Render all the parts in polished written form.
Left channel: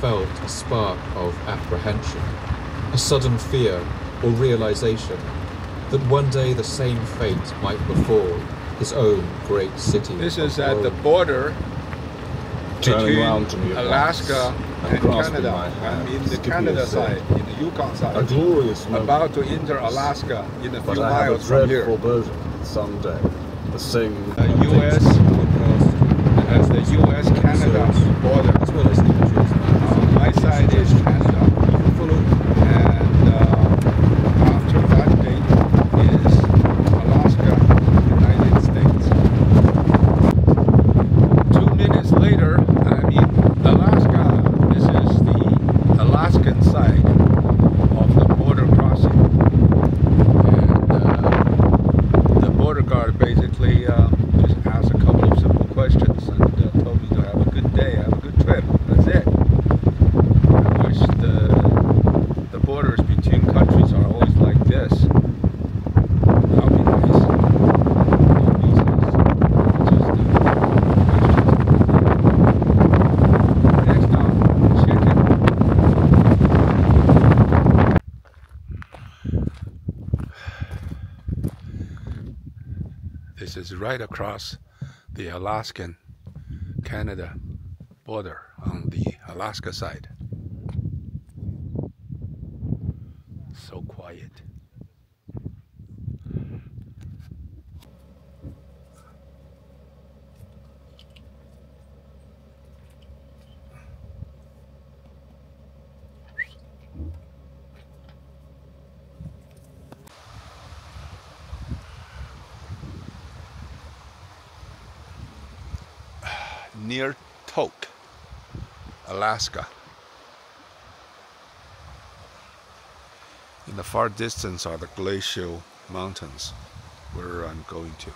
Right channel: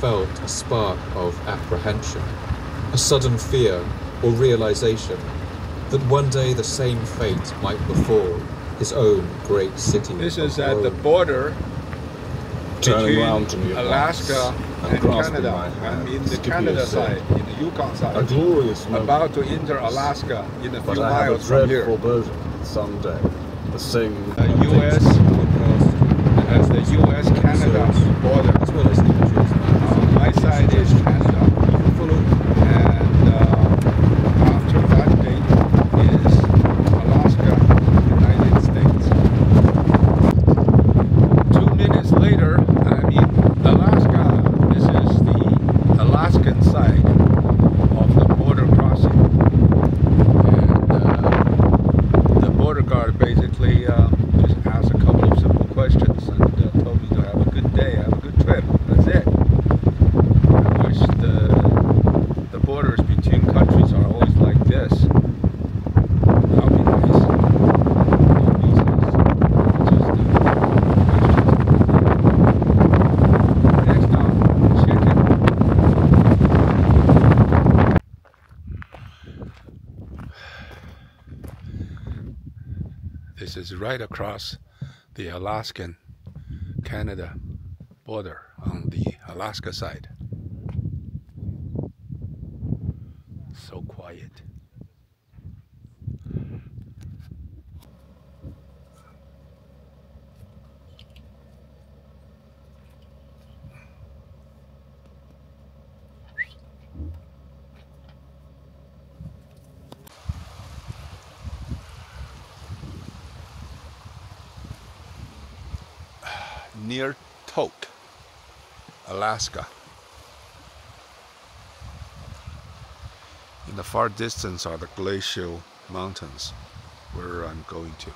felt a spark of apprehension, a sudden fear or realization that one day the same fate might befall his own great city. This is at the border between Alaska and Canada. I'm in the Canada side, in the Yukon side. A glorious moment. About to enter Alaska in a few But I have miles a from here. dreadful foreboding someday the same U.S. as the U.S.-Canada border. As well as the images. My side is Canada, and after that date is Alaska, United States. 2 minutes later, I'm in Alaska. This is the Alaskan side of the border crossing, and the border guard basically just asked a couple of simple questions and told me to have a good day, have a good trip. That's it. I wish the borders between countries are always like this. That would be nice. No visas. Just questions. Next up, chicken. This is right across the Alaskan-Canada border on the Alaska side. So quiet. Near Tok, Alaska. In the far distance are the glacial mountains where I'm going to.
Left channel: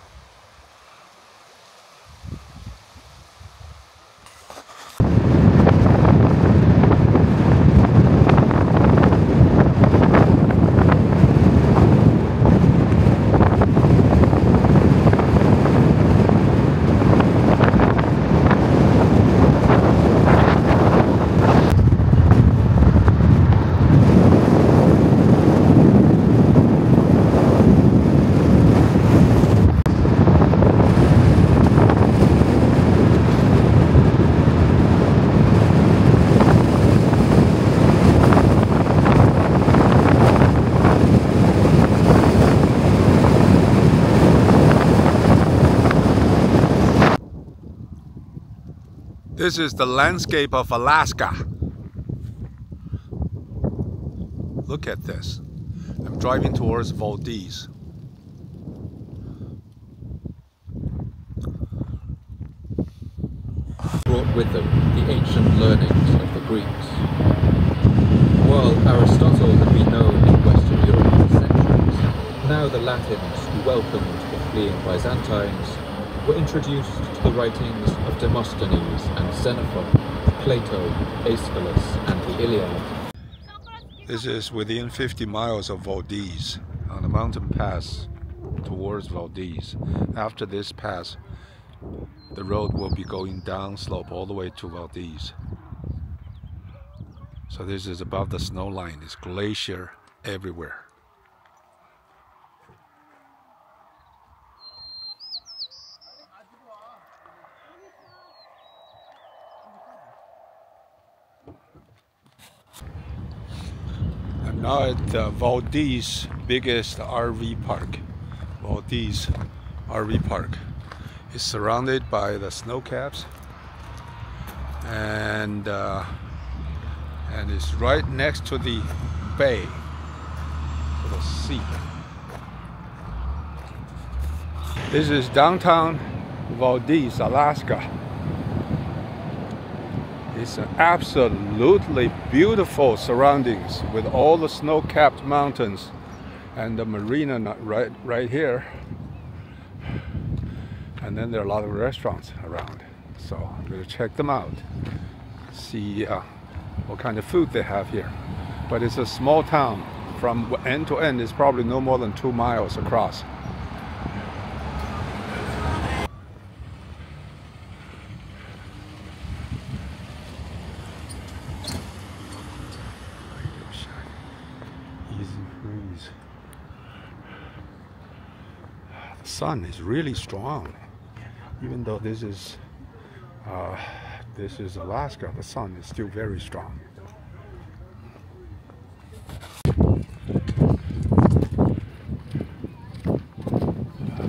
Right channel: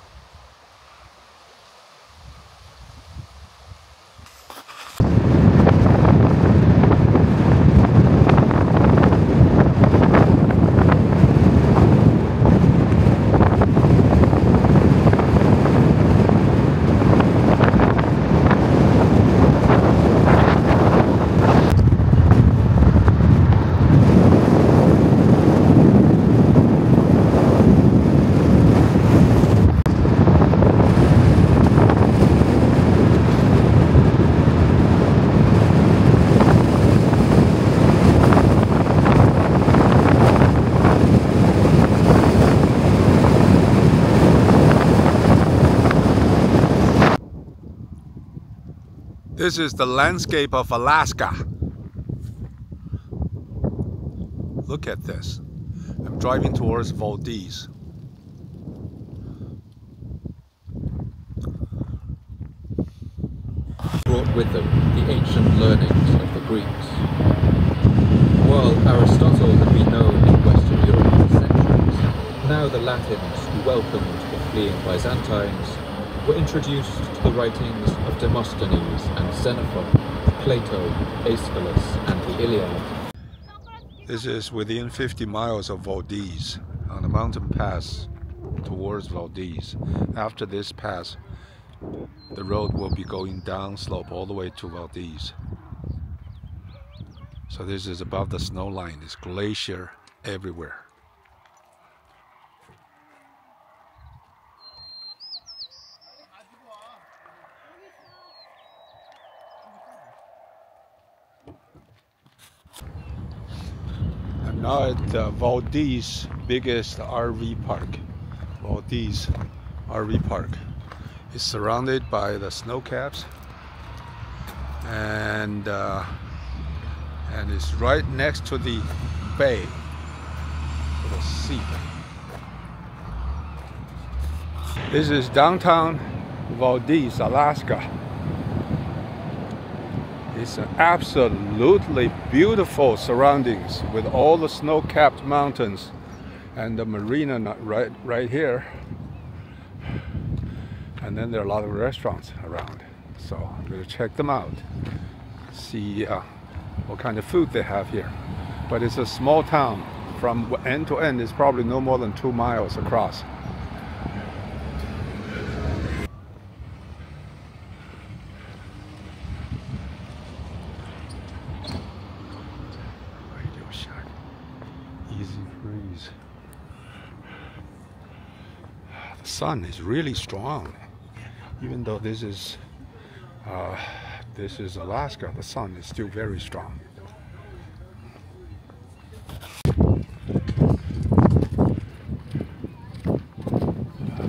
This is the landscape of Alaska. Look at this. I'm driving towards Valdez. Brought with them the ancient learnings of the Greeks. While Aristotle had been known in Western Europe for centuries, now the Latins who welcomed the fleeing Byzantines were introduced to the writings of Demosthenes and Xenophon, Plato, Aeschylus, and the Iliad. This is within 50 miles of Valdez, on a mountain pass towards Valdez. After this pass, the road will be going down slope all the way to Valdez. So this is above the snow line. It's glacier everywhere. I'm now at Valdez biggest RV park. Valdez RV park. It's surrounded by the snow caps, and it's right next to the bay, to the sea. This is downtown Valdez, Alaska. It's an absolutely beautiful surroundings with all the snow-capped mountains and the marina right here. And then there are a lot of restaurants around. So I'm going to check them out, see what kind of food they have here. But it's a small town. From end to end, it's probably no more than 2 miles across. The sun is really strong. Even though this is Alaska, the sun is still very strong.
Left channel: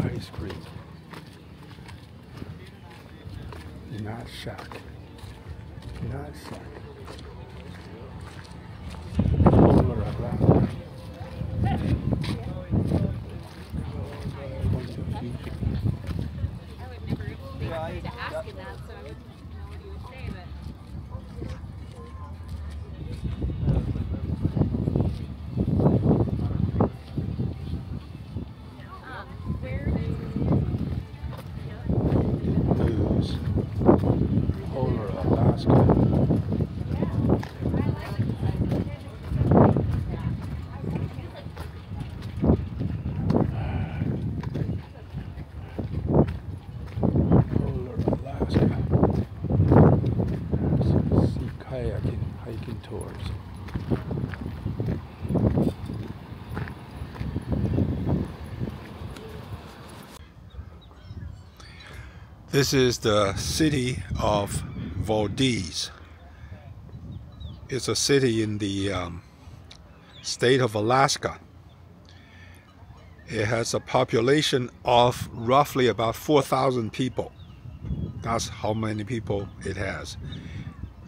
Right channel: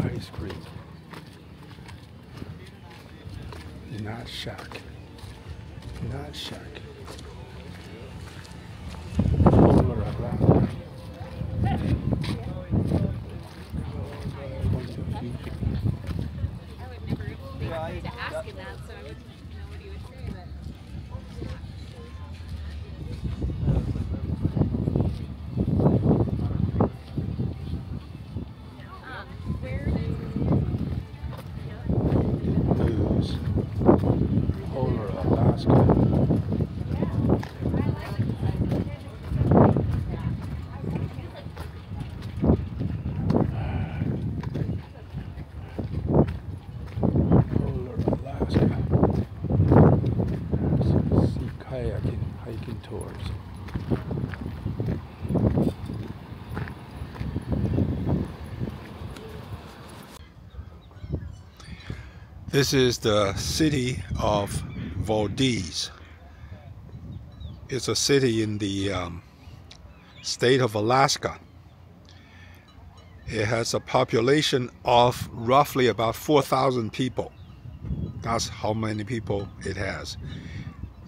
Ice cream. Not shack. Not shack. Polar Alaska. I would never to ask him that, so I wouldn't know what he would say, but. Where News. Polar Alaska. Hiking tours. This is the city of Valdez. It's a city in the state of Alaska. It has a population of roughly about 4,000 people. That's how many people it has.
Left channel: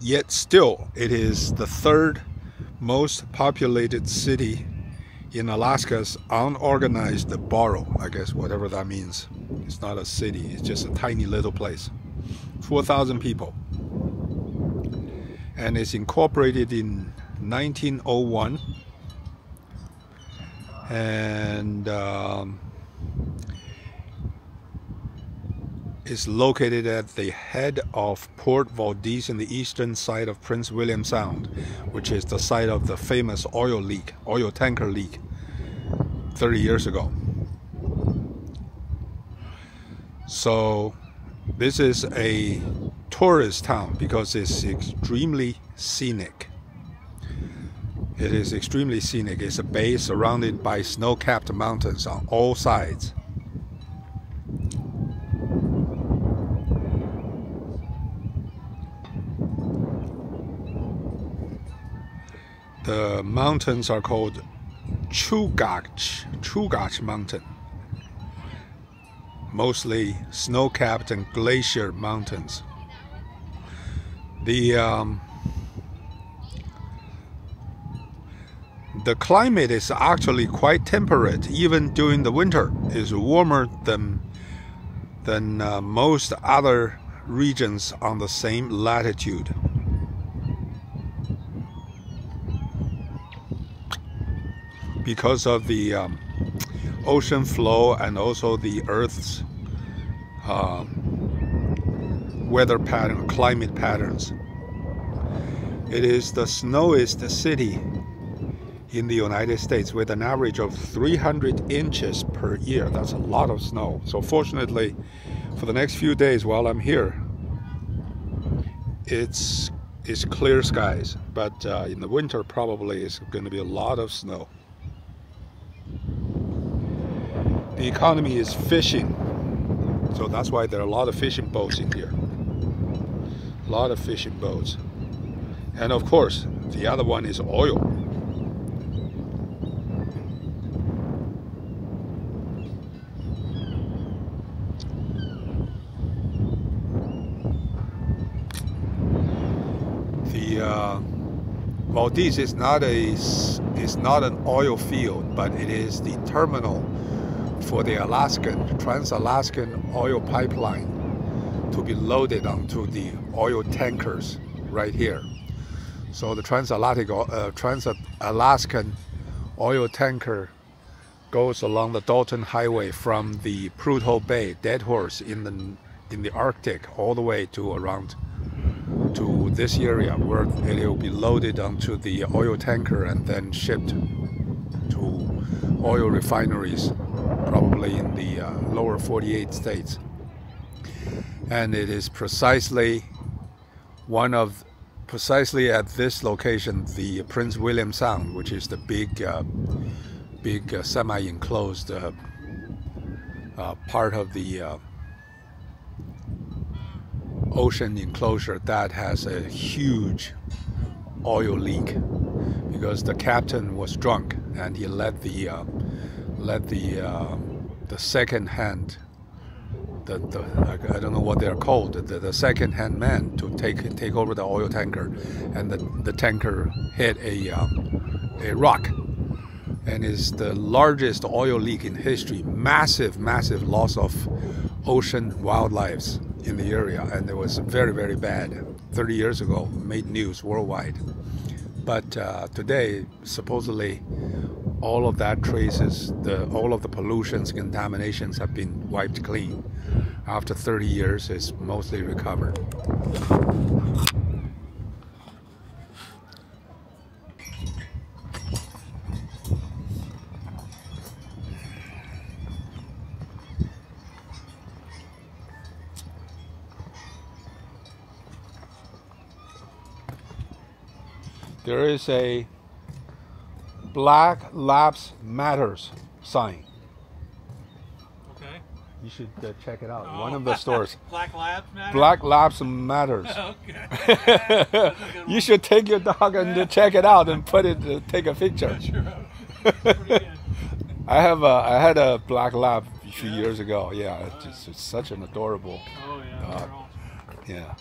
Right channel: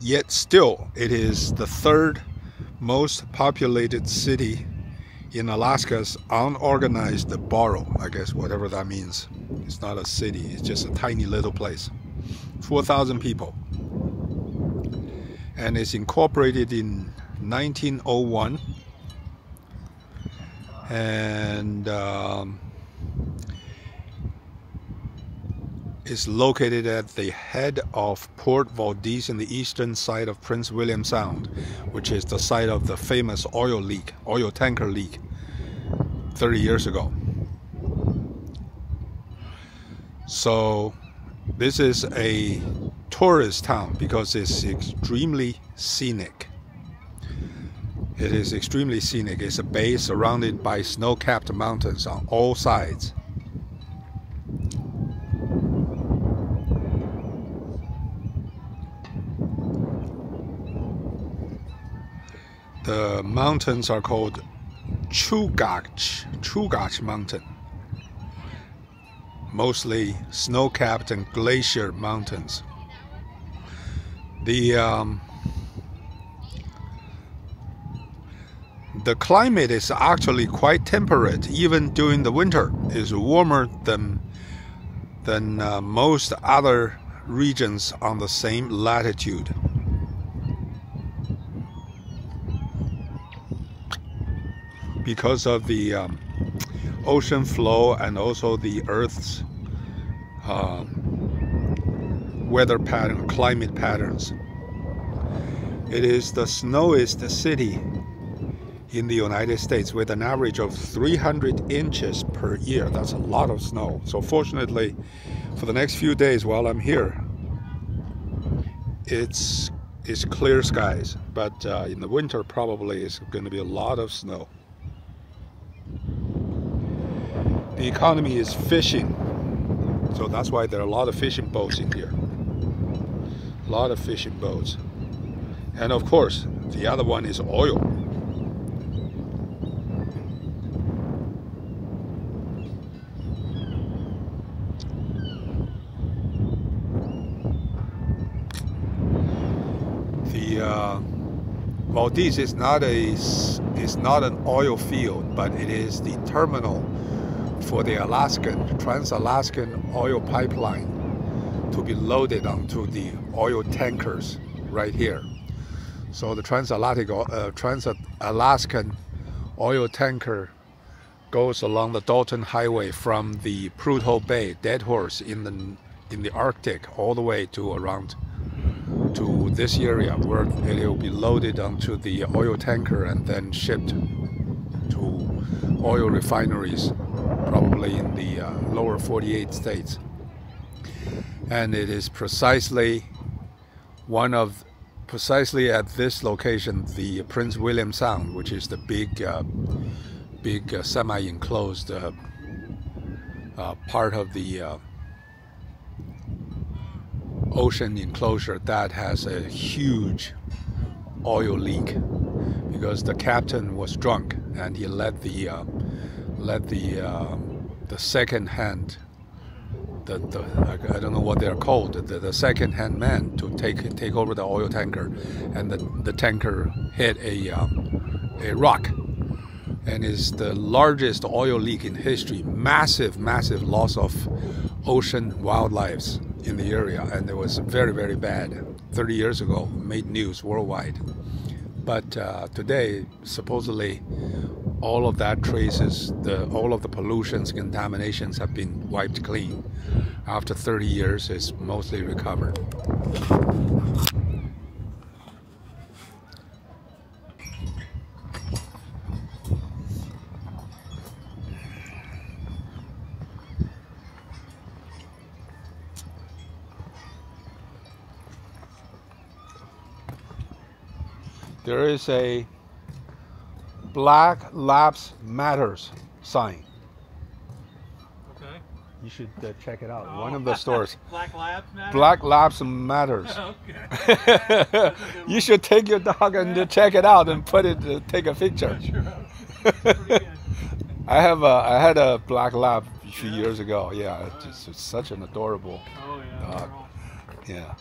Yet still, it is the third most populated city in Alaska's unorganized borough, I guess, whatever that means. It's not a city, it's just a tiny little place. 4,000 people. And it's incorporated in 1901. And is located at the head of Port Valdez in the eastern side of Prince William Sound, which is the site of the famous oil tanker leak 30 years ago. So this is a tourist town because it's extremely scenic. It is extremely scenic. It's a bay surrounded by snow-capped mountains on all sides. The mountains are called Chugach Mountain. Mostly snow-capped and glacier mountains. The climate is actually quite temperate. Even during the winter, it's warmer than most other regions on the same latitude. Because of the ocean flow and also the Earth's weather pattern, climate patterns. It is the snowiest city in the United States with an average of 300 inches per year. That's a lot of snow. So fortunately, for the next few days while I'm here, it's clear skies. But in the winter, probably it's going to be a lot of snow. The economy is fishing, so that's why there are a lot of fishing boats in here. A lot of fishing boats. And of course, the other one is oil. The Valdez is not an oil field, but it is the terminal for the Trans-Alaskan oil pipeline to be loaded onto the oil tankers right here. So the Trans-Alaskan oil tanker goes along the Dalton Highway from the Prudhoe Bay, Dead Horse in the Arctic, all the way to around to this area where it will be loaded onto the oil tanker and then shipped to oil refineries, probably in the lower 48 states. And it is precisely at this location, the Prince William Sound, which is the big semi-enclosed part of the ocean enclosure that has a huge oil leak because the captain was drunk and he let the second hand, I don't know what they're called, the second hand man to take over the oil tanker, and the tanker hit a rock, and is the largest oil leak in history. Massive loss of ocean wildlife in the area, and it was very, very bad. 30 years ago, made news worldwide. But today, supposedly, all of that traces, all of the pollutions, contaminations have been wiped clean. After 30 years, it's mostly recovered. There is a Black Lives Matters sign. Okay. You should check it out. Oh. One of the stores. Black Lives Matter? Black Lives Matters. Okay. You should take your dog and check it out and take a picture. I had a black lab a few years ago. Yeah, it's such an adorable dog. Yeah.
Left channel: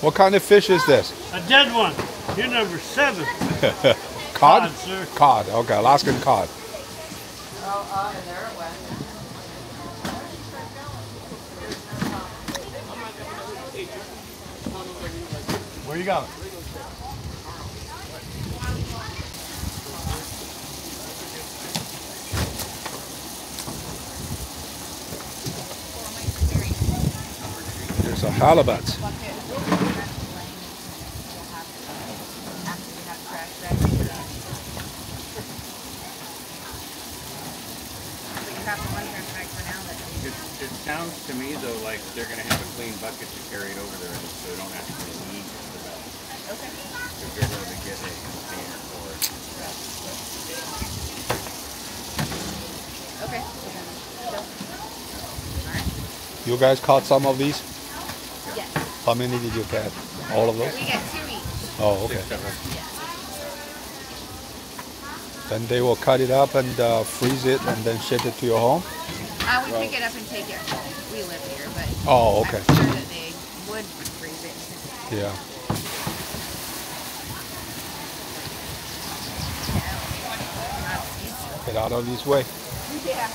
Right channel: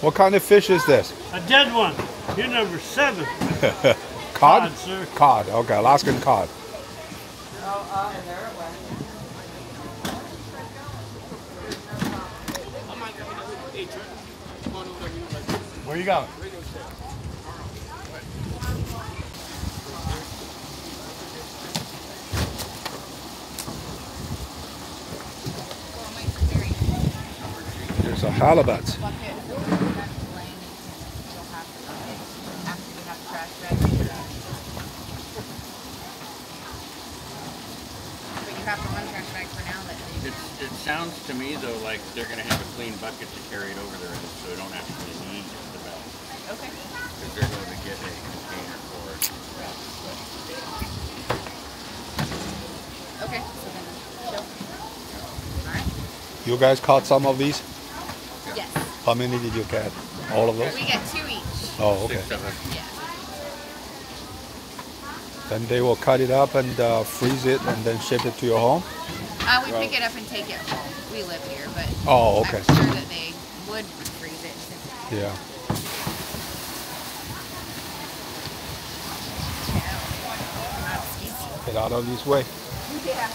What kind of fish is this? A dead one. You're number 7. Cod? Cod, sir. Cod, okay, Alaskan cod. Where you going? There's a halibut. It sounds to me though like they're going to have a clean bucket to carry it over there, so they don't actually need it for that. Okay. Because they're going to get a container for it. Okay. You guys caught some of these? Yes. How many did you catch? All of those? We got 2 each. Oh, okay. Yeah. Then they will cut it up and freeze it and then ship it to your home? We pick it up and take it home. We live here, but oh, okay. I'm sure that they would freeze it. Yeah. Get out of this way. Yeah.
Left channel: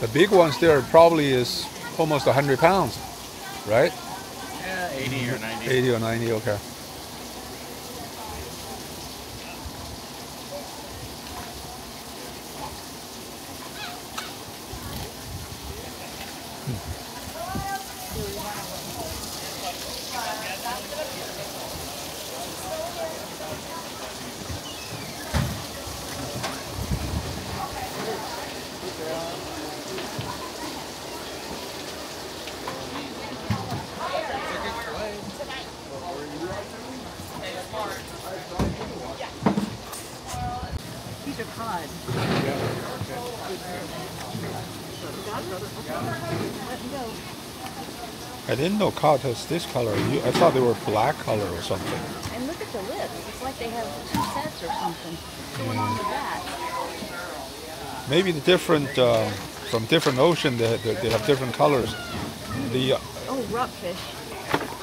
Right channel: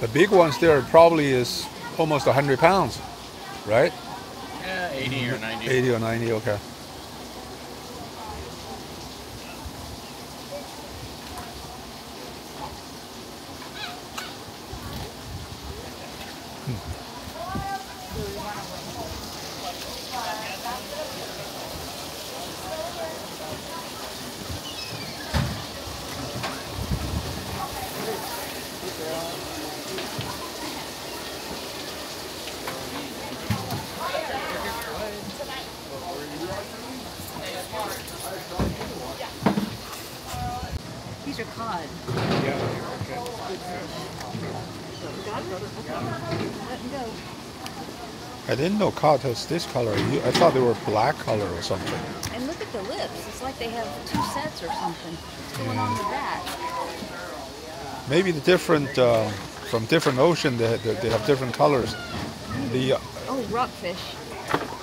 The big ones there probably is almost 100 pounds, right? Yeah, 80 or 90. 80 or 90, okay. These are cod. I didn't know cod has this color. I thought they were black color or something. And look at the lips. It's like like they have 2 sets or something. What's going on with that? Maybe the different from different ocean they have different colors. The Oh, rockfish.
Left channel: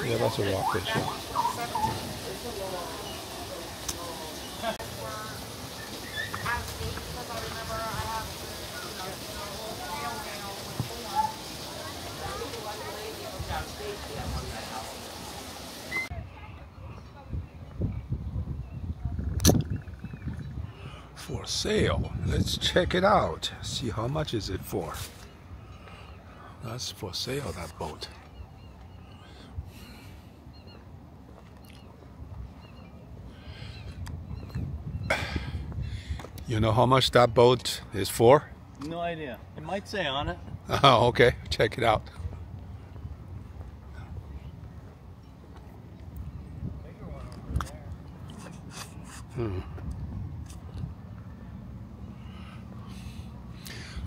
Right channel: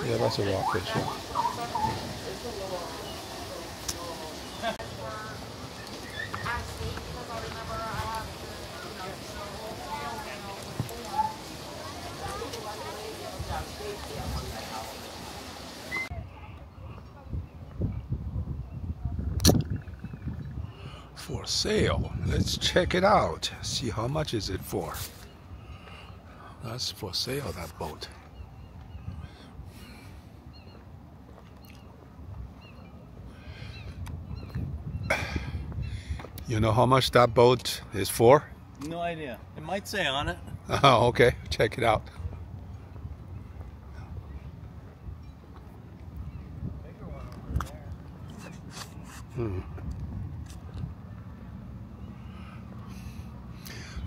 yeah, that's a rockfish. Yeah. For sale. Let's check it out. See how much is it for. That's for sale, that boat. You know how much that boat is for? No idea. It might say on it. Oh, okay. Check it out.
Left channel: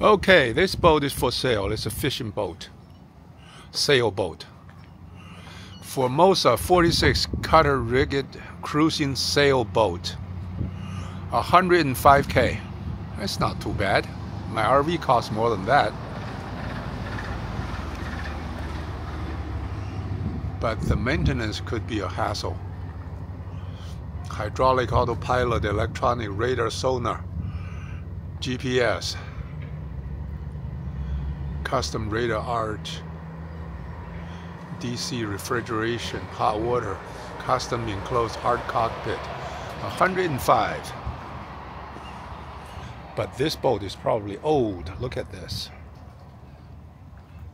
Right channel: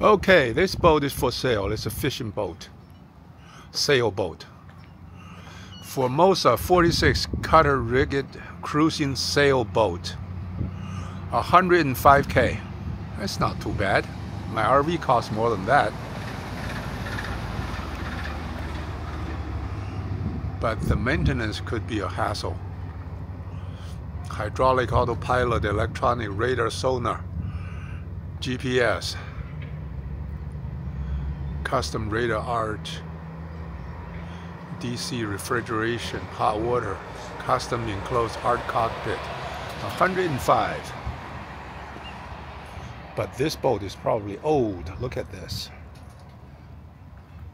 Okay, this boat is for sale. It's a fishing boat, sailboat. Formosa 46 cutter rigged cruising sailboat. 105K. That's not too bad. My RV costs more than that. But the maintenance could be a hassle. Hydraulic autopilot, electronic radar sonar, GPS, custom radar arch, DC refrigeration, hot water, custom enclosed hard cockpit. 105. But this boat is probably old. Look at this.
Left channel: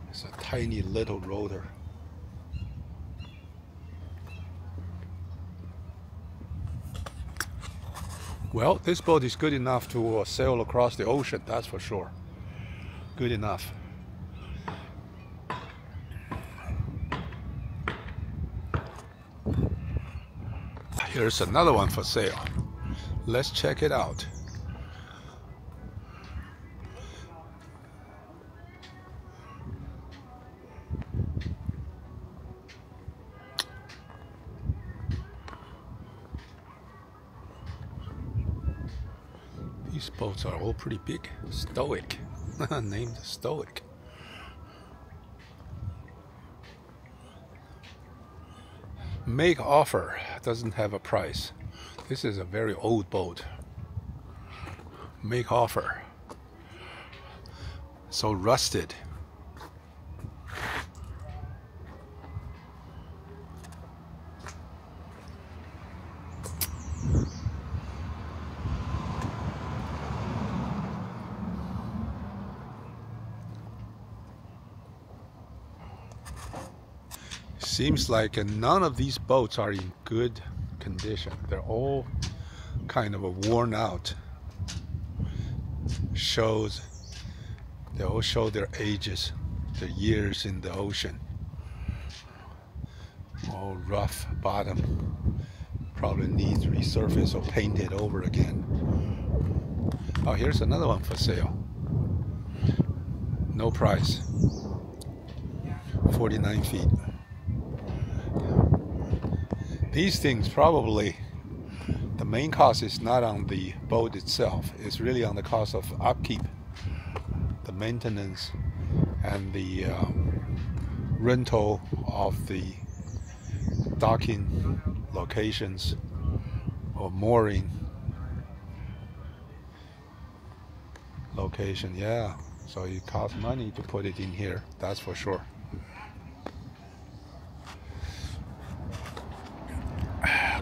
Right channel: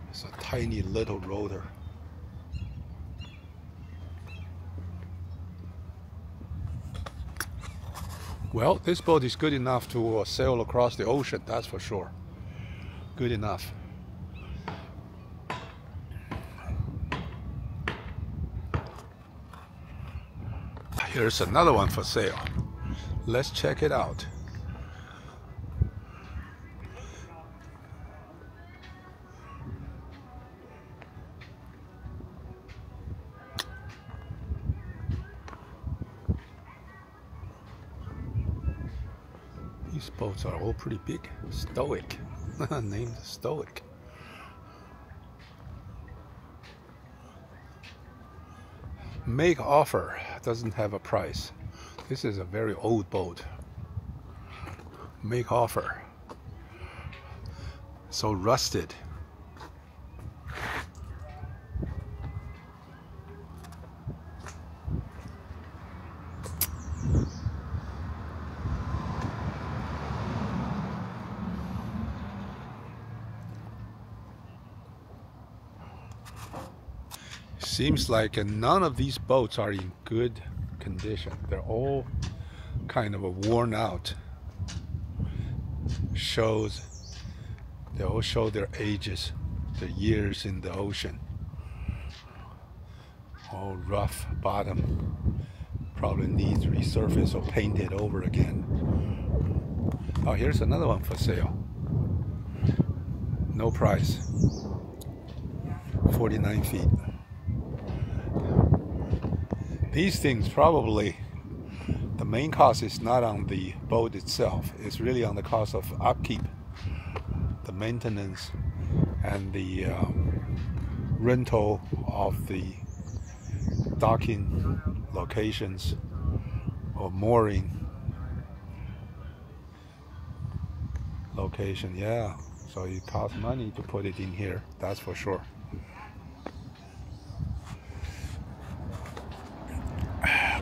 It's a tiny little rotor. Well, this boat is good enough to sail across the ocean, that's for sure. Good enough. Here's another one for sale. Let's check it out. These boats are all pretty big. Stoic. Named Stoic. Make offer. Doesn't have a price. This is a very old boat. Make offer. So rusted. Seems like none of these boats are in good condition. They're all kind of worn out. They all show their ages, their years in the ocean. All rough bottom. Probably needs resurfaced or painted over again. Oh, here's another one for sale. No price. 49 feet. These things probably, the main cost is not on the boat itself. It's really on the cost of upkeep, the maintenance, and the rental of the docking locations or mooring location. Yeah, so it costs money to put it in here, that's for sure.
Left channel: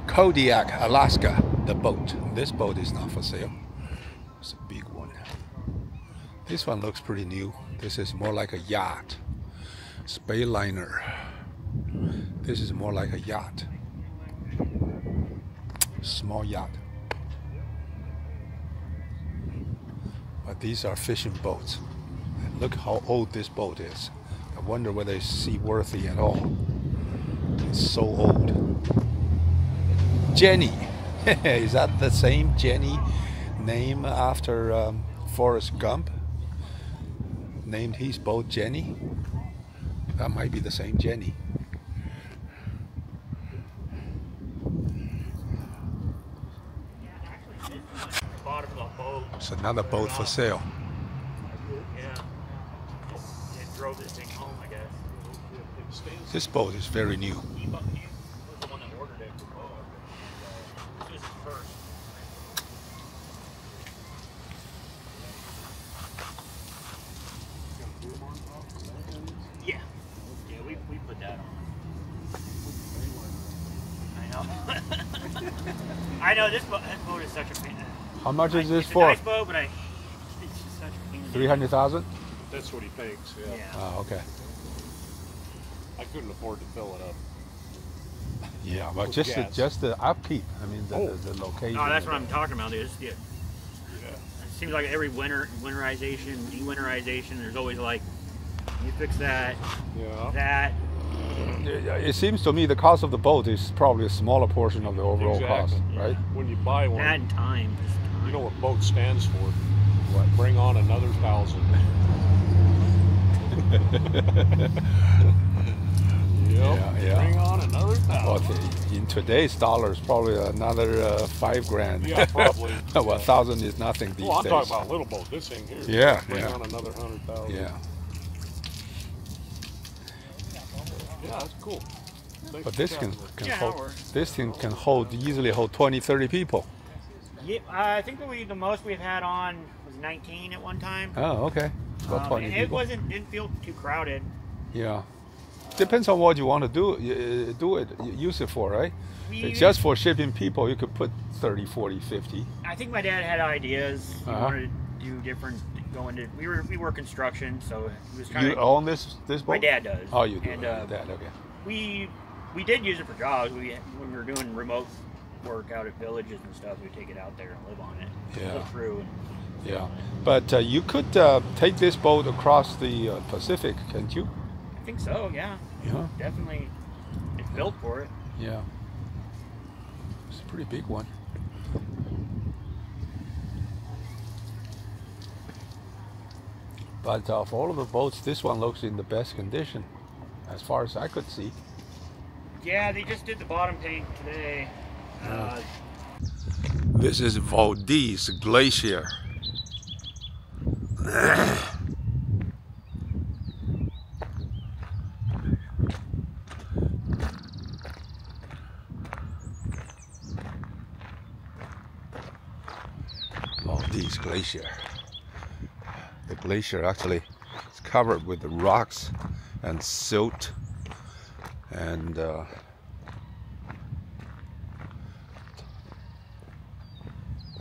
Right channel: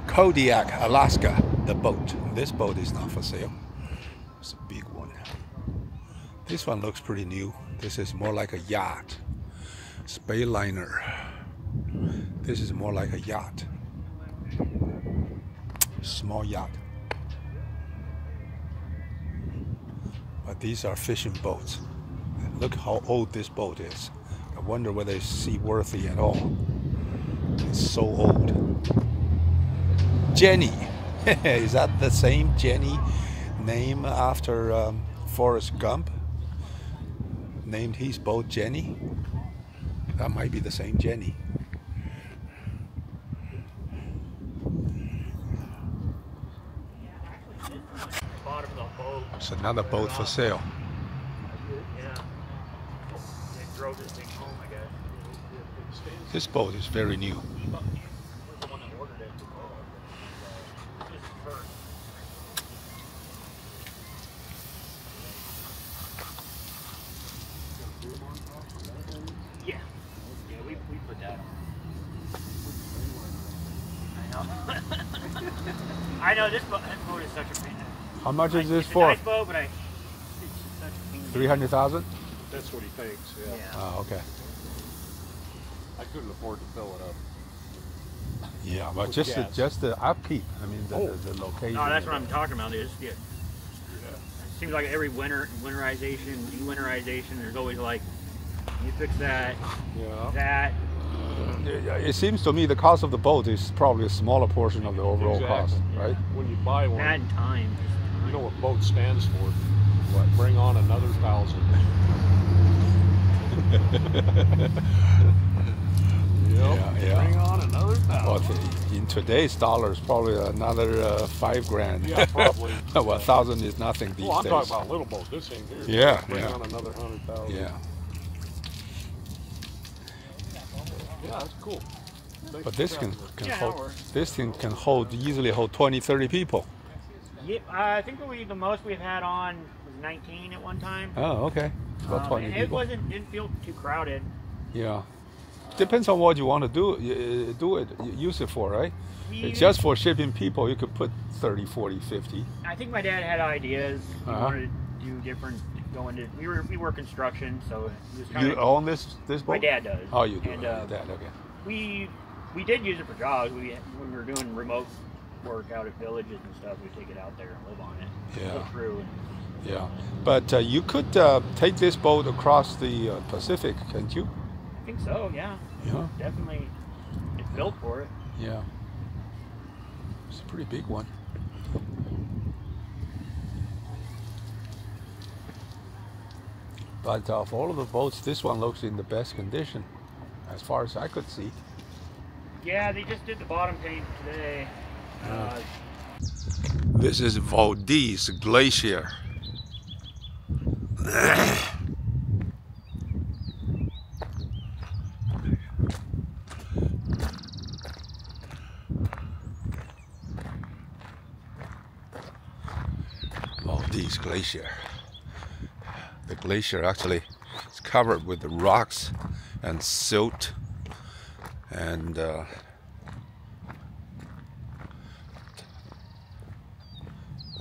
Kodiak, Alaska, the boat. This boat is not for sale. It's a big one. This one looks pretty new. This is more like a yacht. Spayliner. This is more like a yacht. Small yacht. But these are fishing boats. And look how old this boat is. I wonder whether it's seaworthy at all. It's so old. Jenny. Is that the same Jenny name after Forrest Gump? Named his boat Jenny? That might be the same Jenny. It's another boat for sale. Drove this thing home, I guess. This boat is very new. Yeah. Yeah, we put that on. I know. I know this boat is such a pain. How much is this It's a for? nice boat, but it's just such a pain. 300,000? That's what he thinks, yeah. Yeah. Oh, okay. I couldn't afford to fill it up. Yeah, but With just the, gas. just the upkeep. I mean, Oh. the location. No, that's what I'm talking about. Is yeah. It seems like every winterization, de-winterization, there's always like, you fix that, Yeah. that. It seems to me the cost of the boat is probably a smaller portion of the overall cost, right? When you buy one, And time. Just time. you know what boat stands for? What? Bring on another 1,000. Yep. Yeah. Bring on another 1,000. Well, in today's dollars, probably another 5 grand. Yeah, probably. Well, 1,000 is nothing these Well, I'm days. talking about a little boat. This ain't here. Yeah, Bring yeah. on another 100,000. Yeah, Yeah, that's cool. Thanks but for this chatting can, with can Yeah, hold. that works. This thing can hold easily hold 20, 30 people. Yeah, I think the most we've had on was 19 at one time. Oh, okay. About 20 And it people. didn't feel too crowded. Yeah. Depends on what you want to use it for, right? We- Just for shipping people, you could put 30, 40, 50. I think my dad had ideas. He Uh-huh. wanted to do different. We were construction, so he was kind You of. own this boat? My dad does. Oh, you do. And, Your dad, okay. we did use it for jobs. When we were doing remote work out at villages and stuff, we'd take it out there and live on it. Yeah. Go through. Yeah, but you could take this boat across the Pacific, can't you? I think so. Yeah. Yeah. Definitely. It's built for it. Yeah. It's a pretty big one. But of all of the boats, this one looks in the best condition, as far as I could see. Yeah, they just did the bottom paint today. This is Valdez Glacier. Valdez Glacier. The glacier actually is covered with rocks and silt and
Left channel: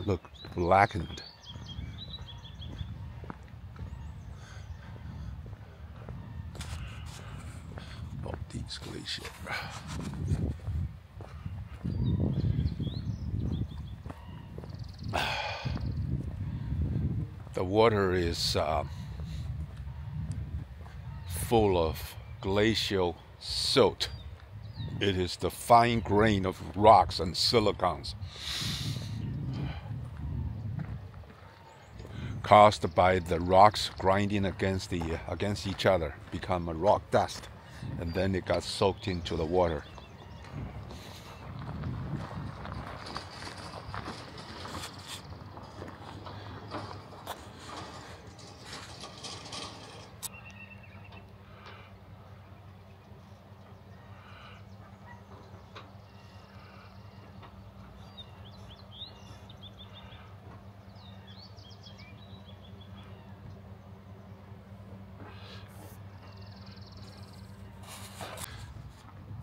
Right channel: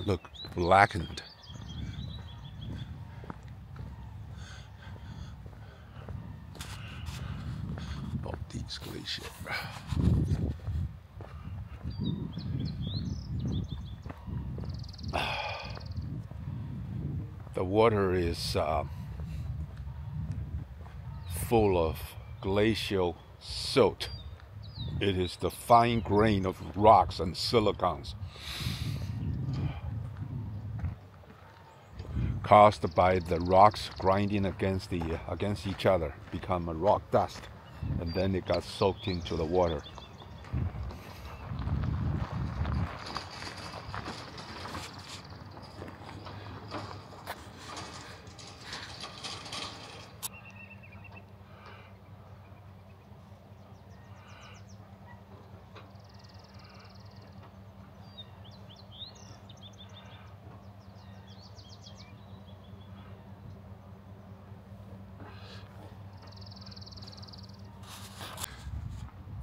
look blackened. Valdez Glacier. The water is full of glacial silt. It is the fine grain of rocks and silicons caused by the rocks grinding against each other, become a rock dust, and then it got soaked into the water.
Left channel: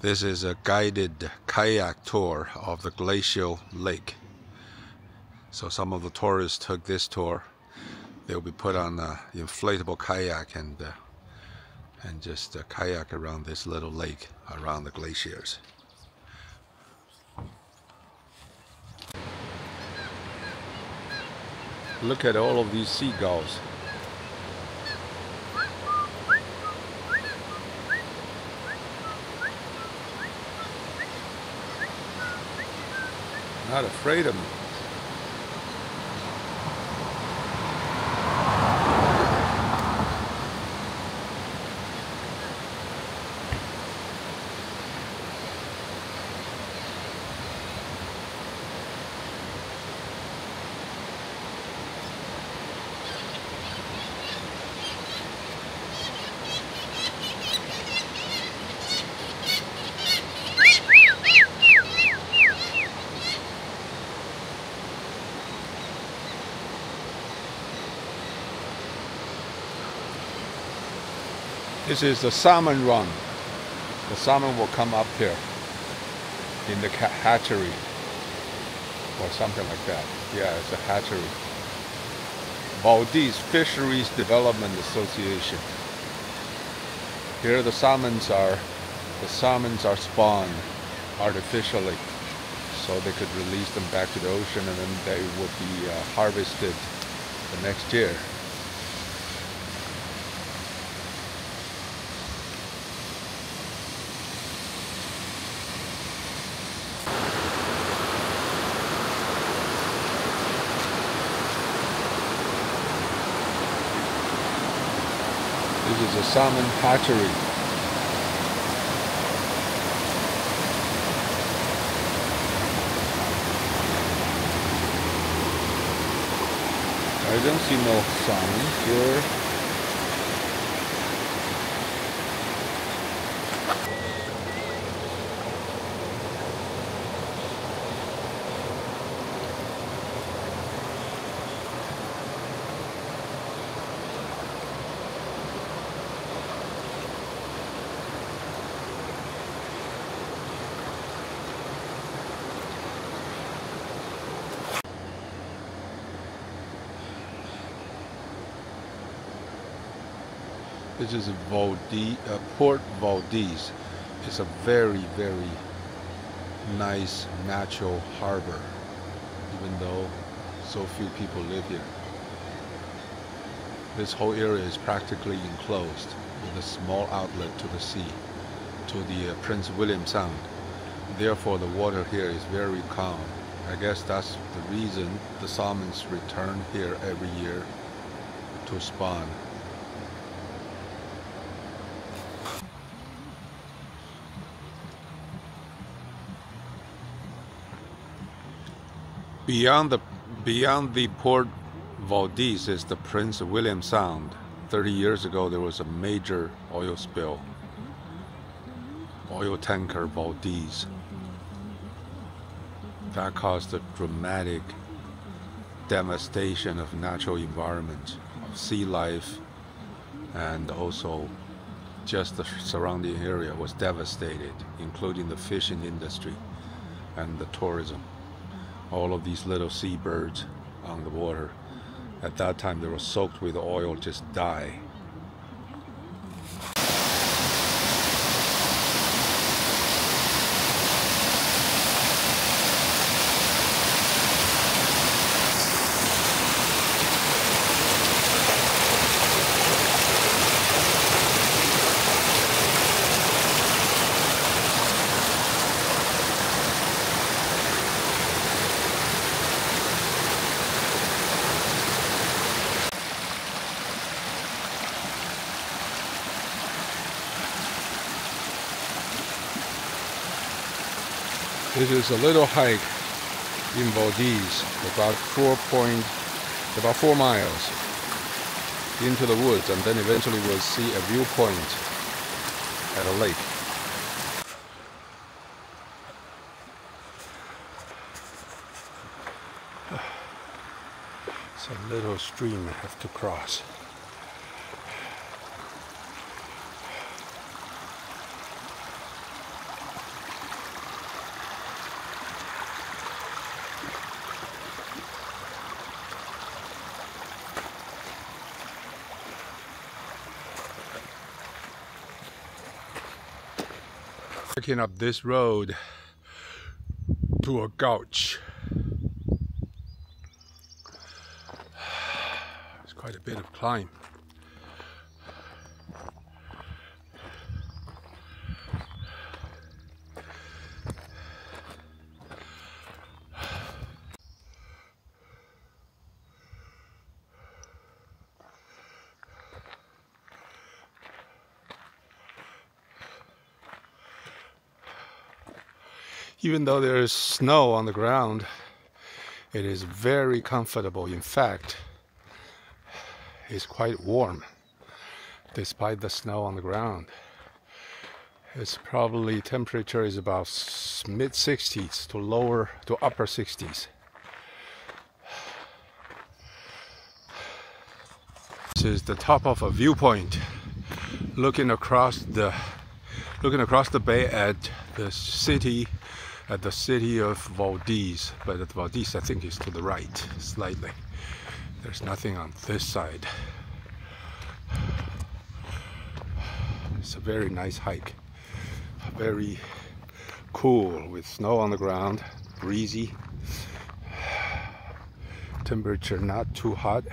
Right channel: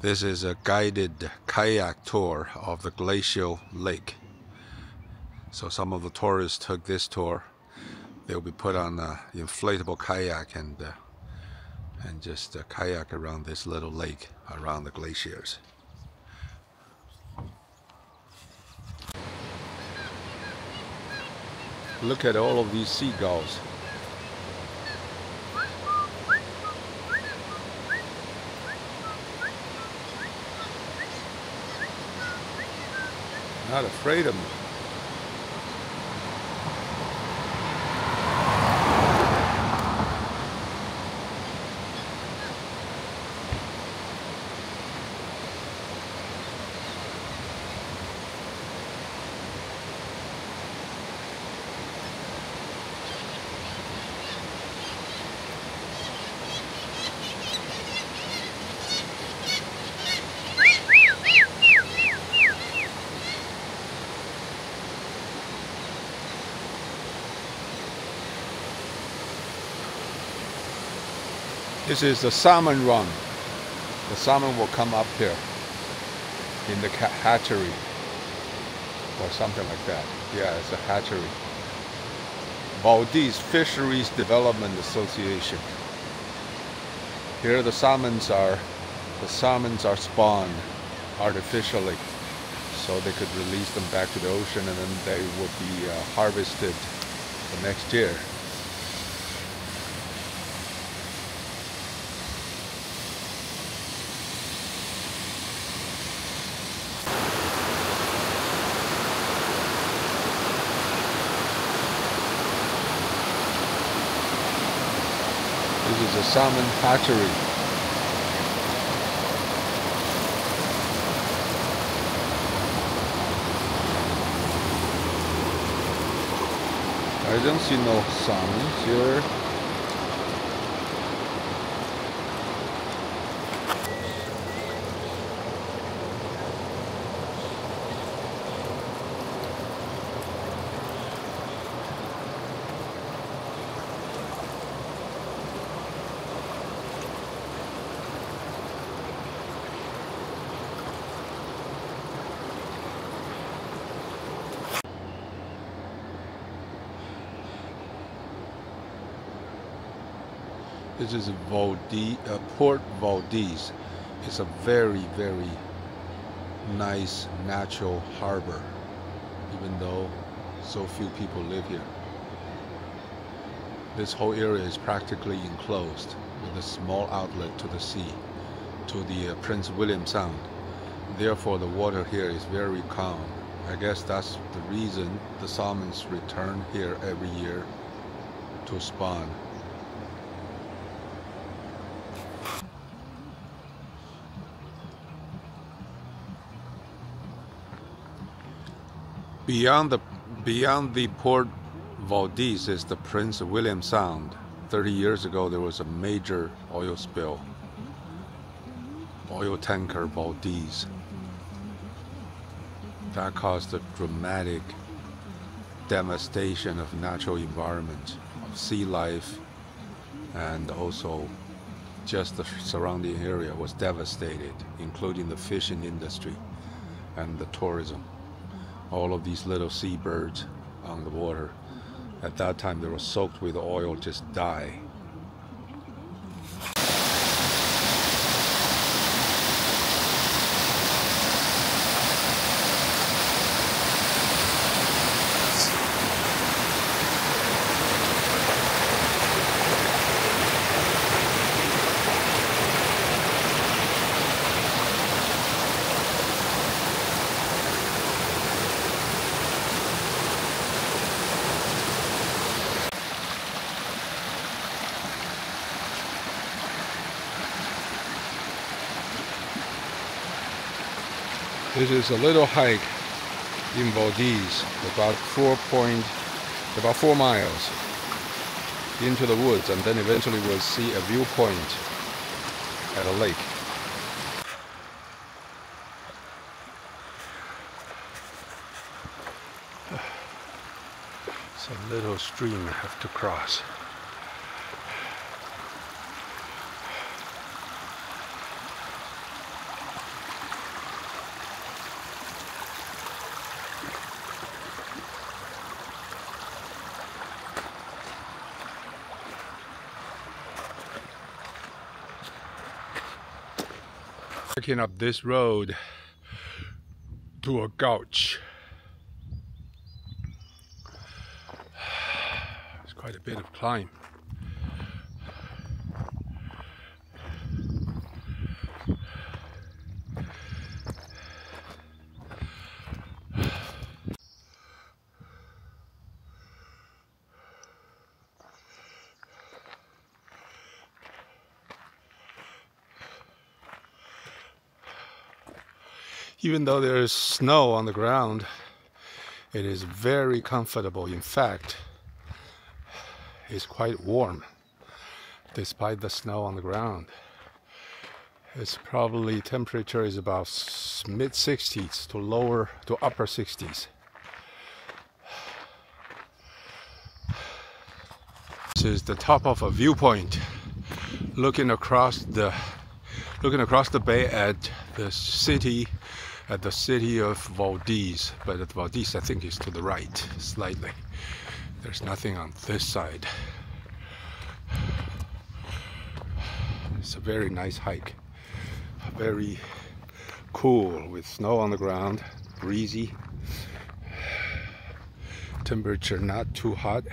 This is a guided kayak tour of the glacial lake. So some of the tourists took this tour. They'll be put on an inflatable kayak and just kayak around this little lake, around the glaciers. Look at all of these seagulls. Not afraid of them. This is the salmon run. The salmon will come up here in the hatchery or something like that. Yeah, it's a hatchery. Valdez Fisheries Development Association. Here the salmons are spawned artificially, so they could release them back to the ocean, and then they would be harvested the next year. This is a salmon hatchery. I don't see no salmon here. This is Port Valdez. It's a very, very nice natural harbor, even though so few people live here. This whole area is practically enclosed with a small outlet to the sea, to the Prince William Sound. Therefore, the water here is very calm. I guess that's the reason the salmons return here every year to spawn. Beyond the Port Valdez is the Prince William Sound. 30 years ago, there was a major oil spill. Oil tanker Valdez. That caused a dramatic devastation of natural environment, of sea life, and also just the surrounding area was devastated, including the fishing industry and the tourism. All of these little seabirds on the water, at that time they were soaked with oil, just die. This is a little hike in Valdez, about 4 miles into the woods, and then eventually we'll see a viewpoint at a lake. It's a little stream I have to cross. Picking up this road to a gulch. It's quite a bit of climb. Even though there is snow on the ground, it is very comfortable. In fact, it's quite warm despite the snow on the ground. It's probably temperature is about mid 60s to upper 60s. This is the top of a viewpoint looking across the bay at the city of Valdez, but at Valdez I think is to the right slightly. There's nothing on this side. It's a very nice hike, very cool with snow on the ground, breezy, temperature not too hot,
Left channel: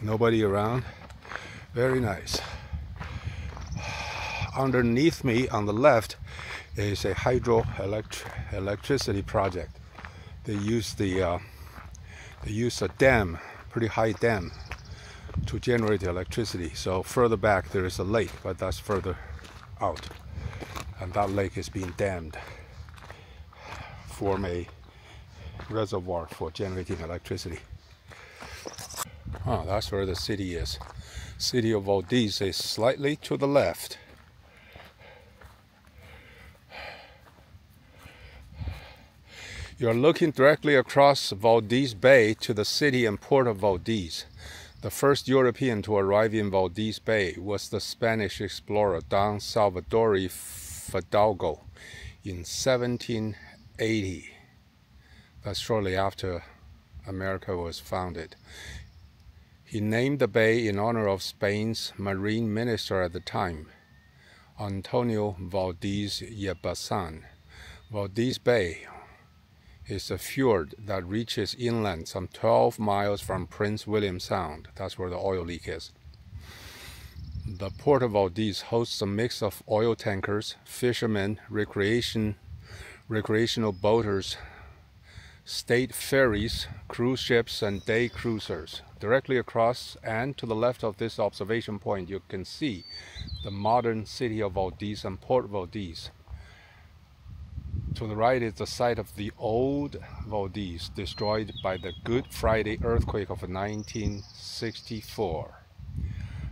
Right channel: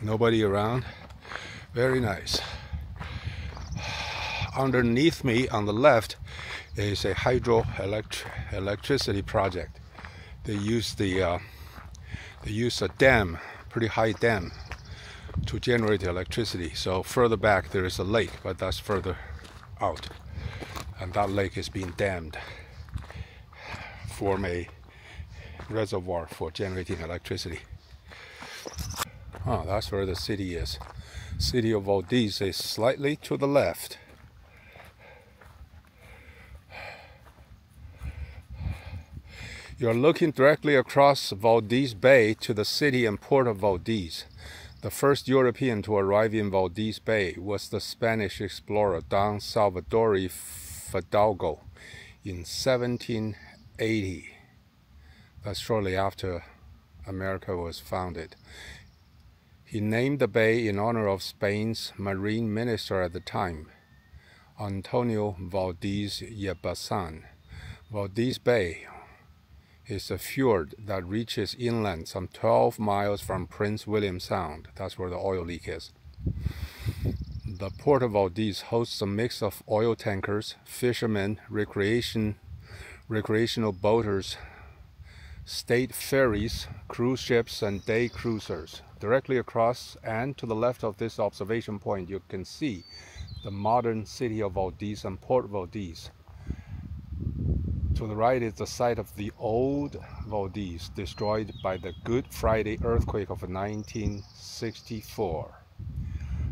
nobody around, very nice. Underneath me on the left is a hydroelectricity project. They use a dam, pretty high dam, to generate the electricity. So further back there is a lake, but that's further out, and that lake is being dammed, form a reservoir for generating electricity. Oh, that's where the city is. City of Valdez is slightly to the left. You're looking directly across Valdez Bay to the city and port of Valdez. The first European to arrive in Valdez Bay was the Spanish explorer Don Salvador Fidalgo in 1780. That's shortly after America was founded. He named the bay in honor of Spain's marine minister at the time, Antonio Valdez y Bazan. Valdez Bay is a fjord that reaches inland some 12 miles from Prince William Sound. That's where the oil leak is. The port of Valdez hosts a mix of oil tankers, fishermen, recreational boaters, state ferries, cruise ships, and day cruisers. Directly across and to the left of this observation point, you can see the modern city of Valdez and Port Valdez. To the right is the site of the old Valdez, destroyed by the Good Friday earthquake of 1964.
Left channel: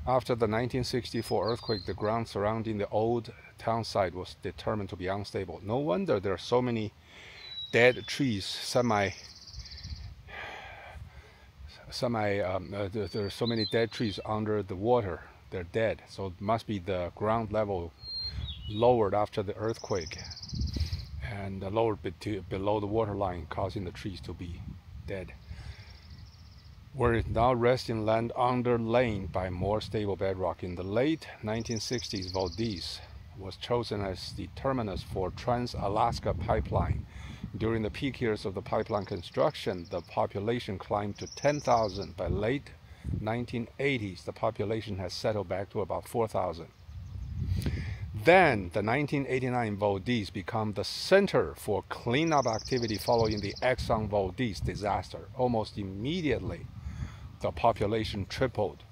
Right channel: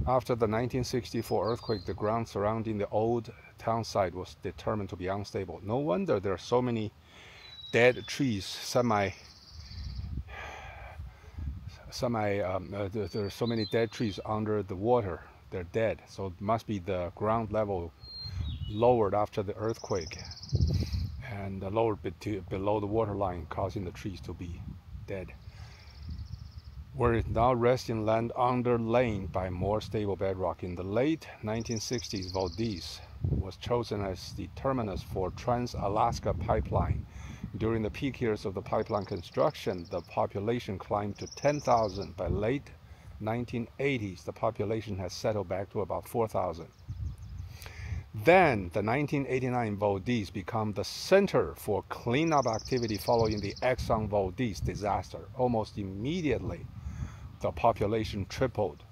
After the 1964 earthquake, the ground surrounding the old town site was determined to be unstable. No wonder there are so many dead trees, there are so many dead trees under the water. They're dead, so it must be the ground level lowered after the earthquake and lowered below the water line, causing the trees to be dead. Where it now rests in land underlain by more stable bedrock. In the late 1960s, Valdez was chosen as the terminus for Trans-Alaska Pipeline. During the peak years of the pipeline construction, the population climbed to 10,000. By late 1980s, the population has settled back to about 4,000. Then, the 1989 Valdez became the center for cleanup activity following the Exxon Valdez disaster. Almost immediately, the population tripled.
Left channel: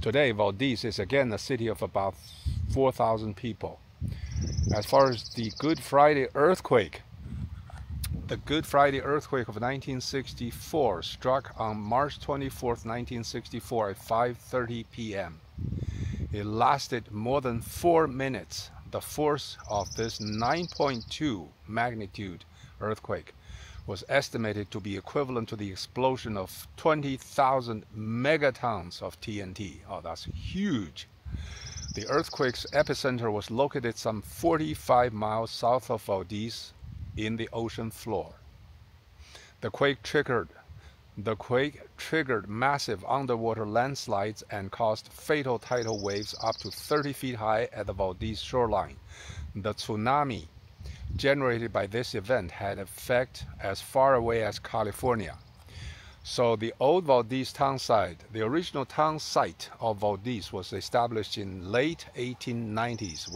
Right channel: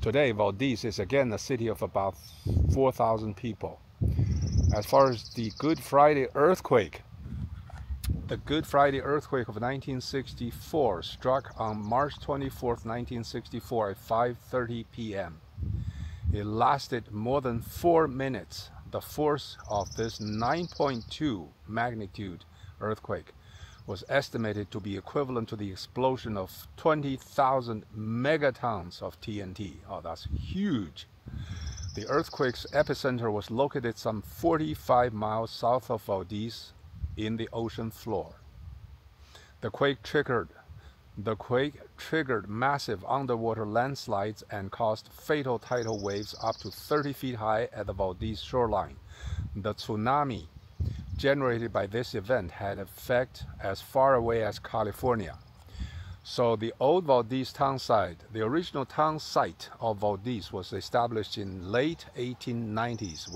Today, Valdez is again a city of about 4,000 people. As far as the Good Friday earthquake, the Good Friday earthquake of 1964 struck on March 24th, 1964 at 5:30 p.m. It lasted more than 4 minutes. The force of this 9.2 magnitude earthquake was estimated to be equivalent to the explosion of 20,000 megatons of TNT. Oh, that's huge. The earthquake's epicenter was located some 45 miles south of Valdez in the ocean floor. The quake triggered massive underwater landslides and caused fatal tidal waves up to 30 feet high at the Valdez shoreline. The tsunami generated by this event had effect as far away as California. So the old Valdez town site, the original town site of Valdez, was established in late 1890s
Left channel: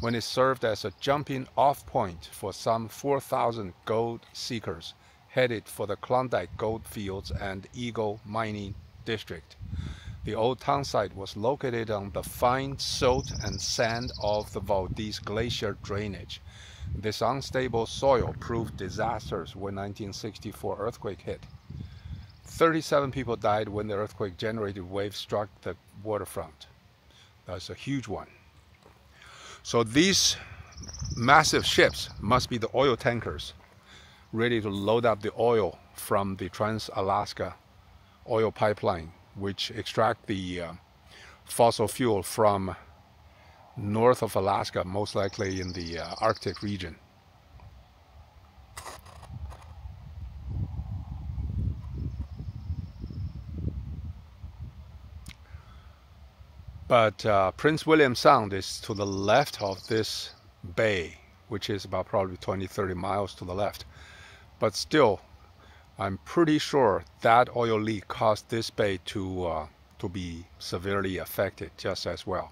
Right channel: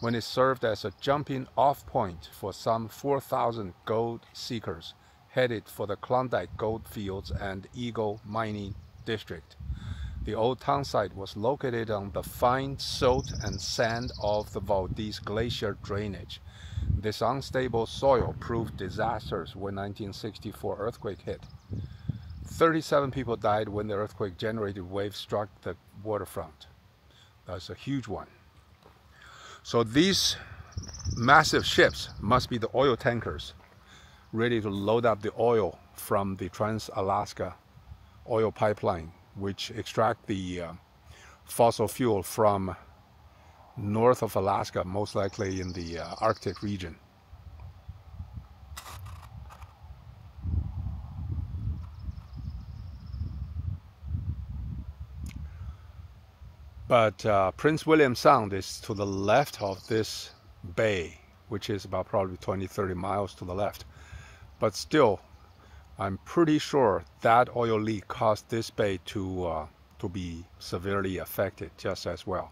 when it served as a jumping off point for some 4,000 gold seekers headed for the Klondike gold fields and Eagle mining district. The old town site was located on the fine silt and sand of the Valdez Glacier drainage. This unstable soil proved disastrous when 1964 earthquake hit. 37 people died when the earthquake-generated waves struck the waterfront. That's a huge one. So these massive ships must be the oil tankers, ready to load up the oil from the Trans-Alaska oil pipeline, which extract the fossil fuel from north of Alaska, most likely in the Arctic region. But Prince William Sound is to the left of this bay, which is about probably 20-30 miles to the left. But still, I'm pretty sure that oil leak caused this bay to be severely affected just as well.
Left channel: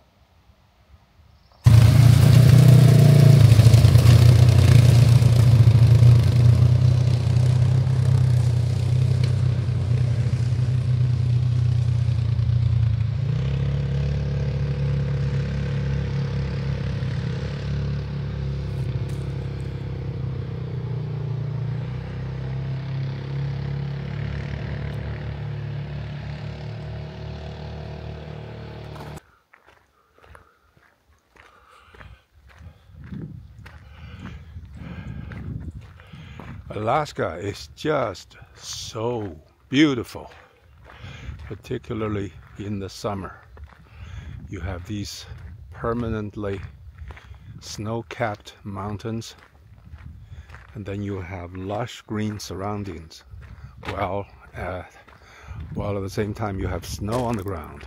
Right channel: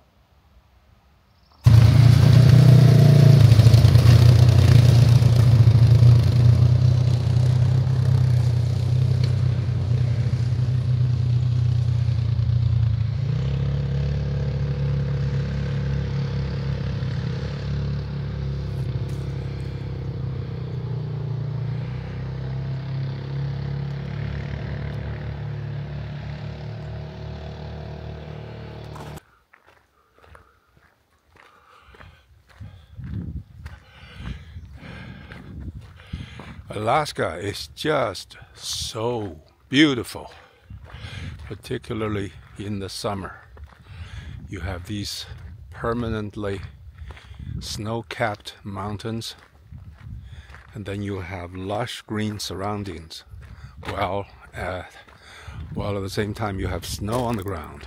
Alaska is just so beautiful, particularly in the summer. You have these permanently snow-capped mountains, and then you have lush green surroundings, while at the same time you have snow on the ground.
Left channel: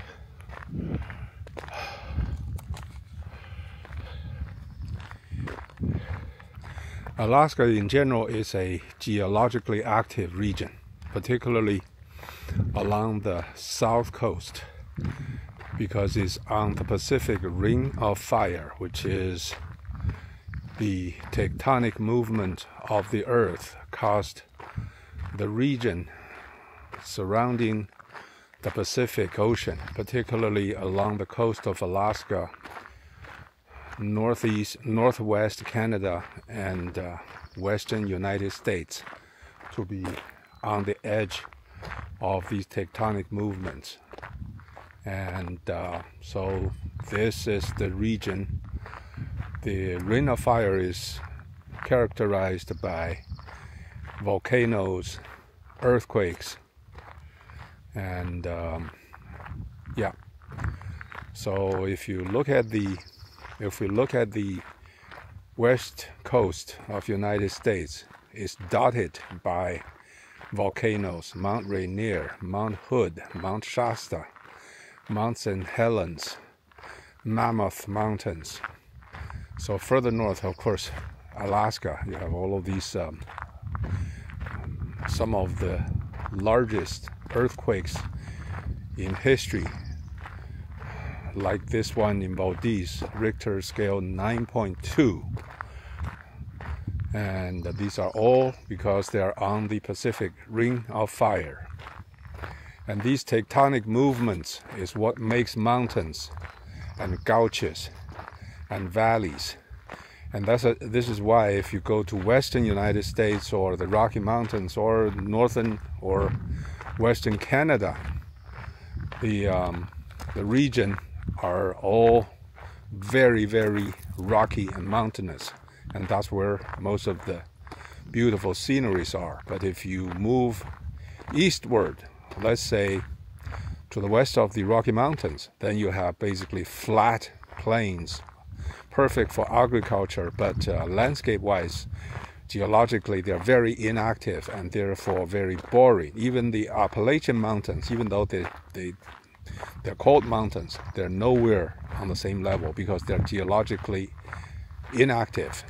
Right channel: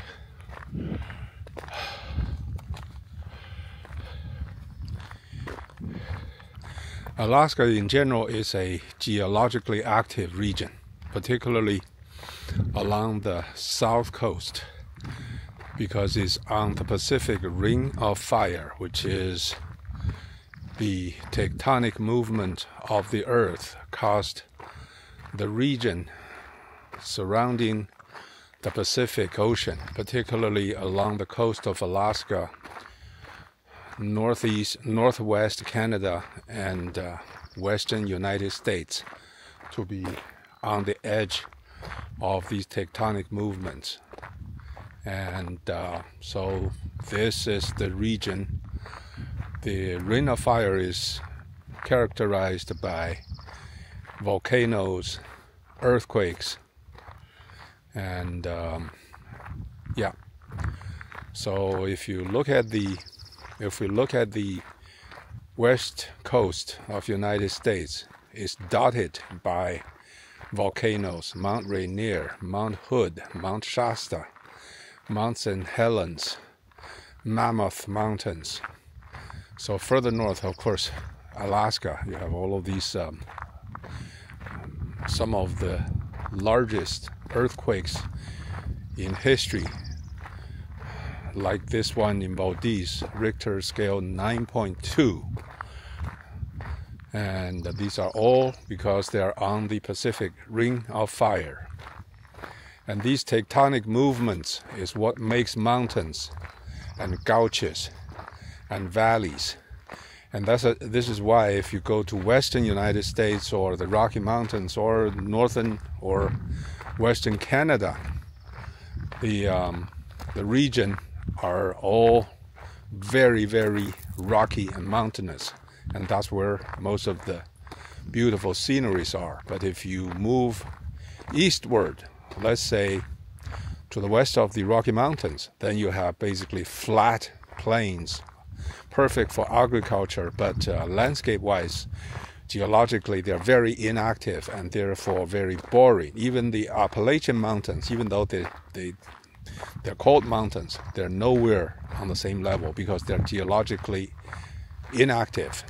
Alaska in general is a geologically active region, particularly along the south coast, because it's on the Pacific Ring of Fire, which is the tectonic movement of the Earth caused the region surrounding the Pacific Ocean, particularly along the coast of Alaska, northwest Canada, and western United States, to be on the edge of these tectonic movements. And so this is the region. The Ring of Fire is characterized by volcanoes, earthquakes, and yeah. So if you look at the west coast of United States, it's dotted by volcanoes: Mount Rainier, Mount Hood, Mount Shasta, Mount St. Helens, Mammoth Mountains. So further north, of course, Alaska, you have all of these, some of the largest earthquakes in history, like this one in Valdez, Richter scale 9.2. And these are all because they are on the Pacific Ring of Fire. And these tectonic movements is what makes mountains and gouges and valleys. And this is why if you go to western United States or the Rocky Mountains or northern or western Canada, the region are all very, very rocky and mountainous, and that's where most of the beautiful sceneries are. But if you move eastward, let's say to the west of the Rocky Mountains, then you have basically flat plains, perfect for agriculture, but landscape-wise, geologically, they're very inactive and therefore very boring. Even the Appalachian Mountains, even though they're called mountains, they're nowhere on the same level because they're geologically inactive.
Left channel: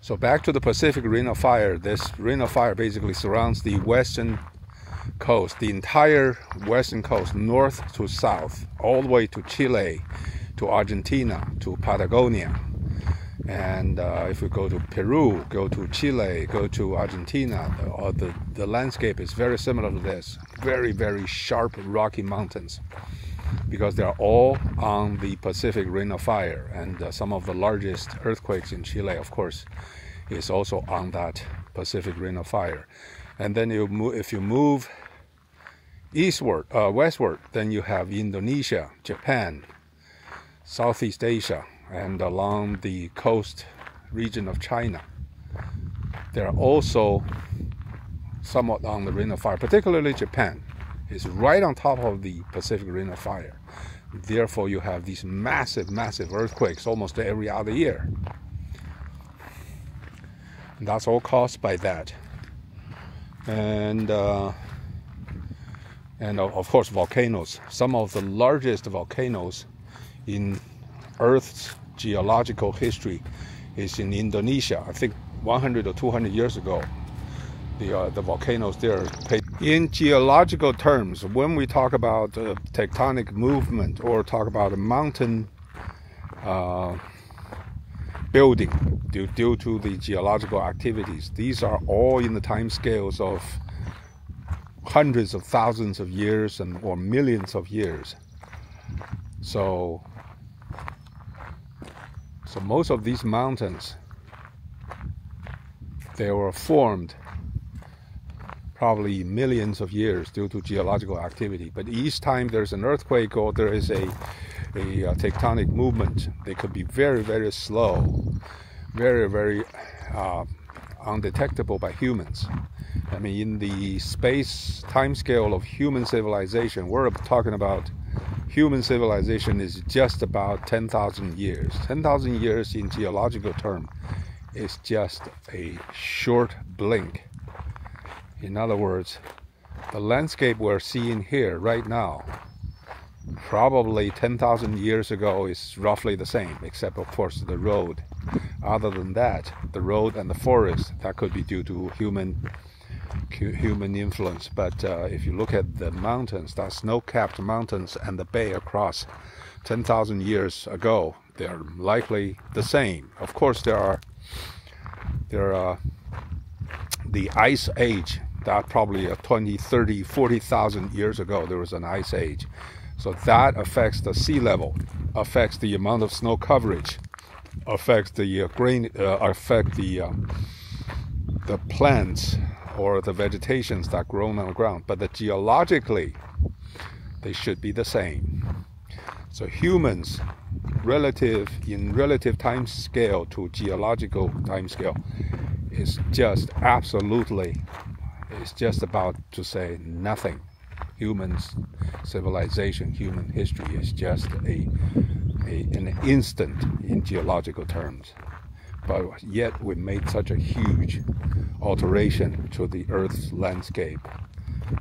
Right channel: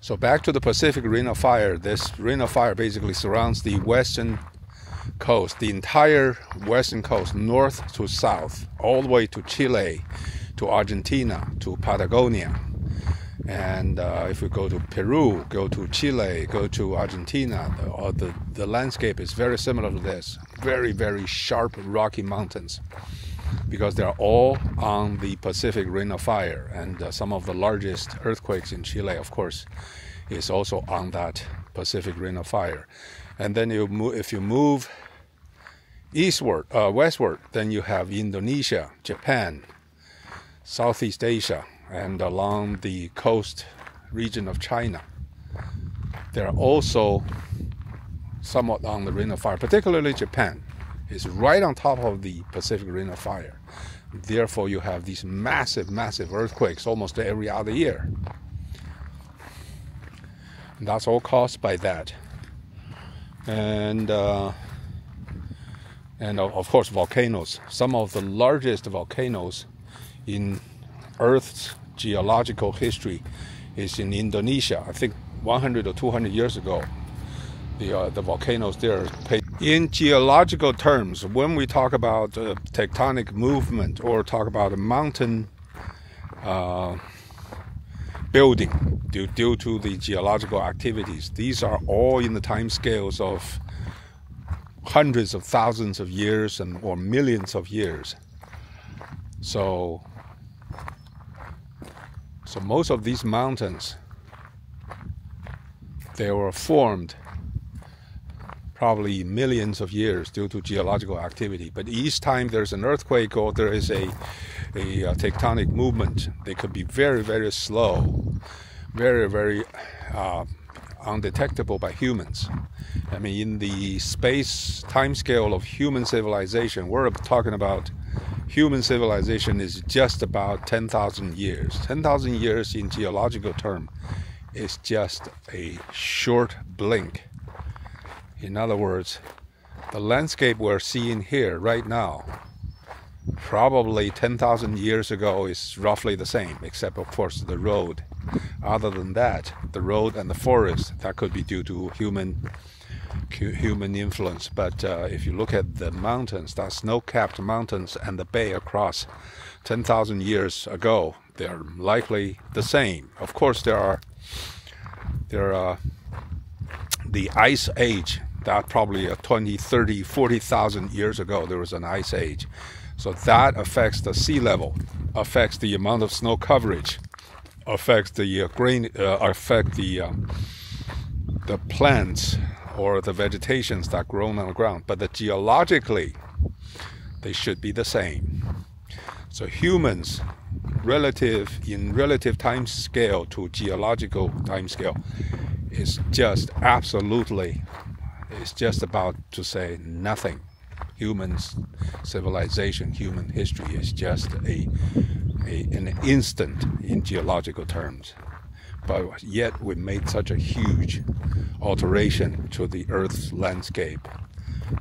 So back to the Pacific Ring of Fire. This Ring of Fire basically surrounds the western coast, the entire western coast, north to south, all the way to Chile, to Argentina, to Patagonia. And if you go to Peru, go to Chile, go to Argentina, the landscape is very similar to this. Very, very sharp rocky mountains, because they're all on the Pacific Ring of Fire. And some of the largest earthquakes in Chile, of course, is also on that Pacific Ring of Fire. And then if you move eastward, westward, then you have Indonesia, Japan, Southeast Asia, and along the coast region of China. They're also somewhat on the Ring of Fire, particularly Japan. is right on top of the Pacific Ring of Fire. Therefore, you have these massive, massive earthquakes almost every other year. And that's all caused by that. And of course, volcanoes. Some of the largest volcanoes in Earth's geological history is in Indonesia. I think 100 or 200 years ago, the volcanoes there. In geological terms, when we talk about tectonic movement or talk about a mountain building due to the geological activities, these are all in the time scales of hundreds of thousands of years or millions of years. So most of these mountains, they were formed probably millions of years due to geological activity. But each time there's an earthquake or there is a tectonic movement, they could be very, very slow, very, very undetectable by humans. I mean, in the space time scale of human civilization, we're talking about human civilization is just about 10,000 years. 10,000 years in geological term is just a short blink. In other words, the landscape we're seeing here right now, probably 10,000 years ago is roughly the same, except of course the road. Other than that, the road and the forest, that could be due to human influence. But if you look at the mountains, the snow-capped mountains and the bay across 10,000 years ago, they're likely the same. Of course, there are the ice age. That probably 20, 30, 40,000 years ago, there was an ice age. So that affects the sea level, affects the amount of snow coverage, affects the the plants or the vegetations that grow on the ground. But geologically, they should be the same. So humans, in relative time scale to geological time scale, is just absolutely, it's just about to say nothing. Human civilization, human history is just an instant in geological terms. But yet we made such a huge alteration to the Earth's landscape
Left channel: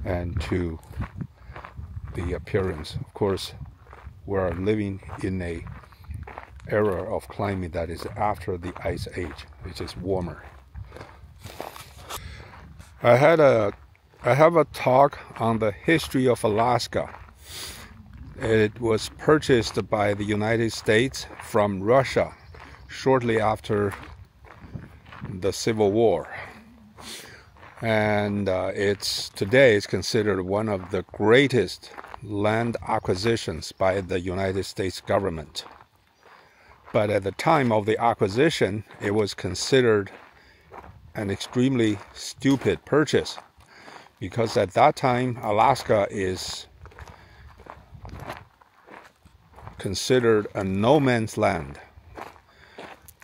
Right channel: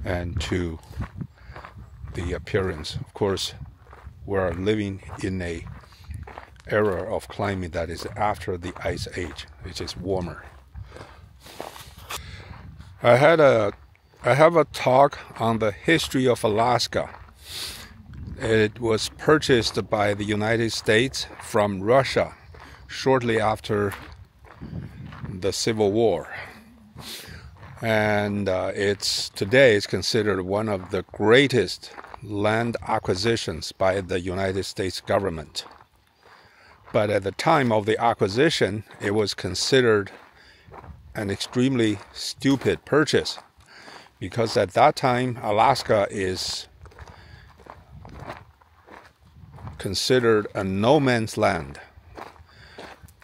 and to the appearance. Of course, we're living in an era of climate that is after the ice age, which is warmer. I have a talk on the history of Alaska. It was purchased by the United States from Russia shortly after the Civil War. And today it's considered one of the greatest land acquisitions by the United States government. But at the time of the acquisition, it was considered an extremely stupid purchase, because at that time Alaska is considered a no man's land.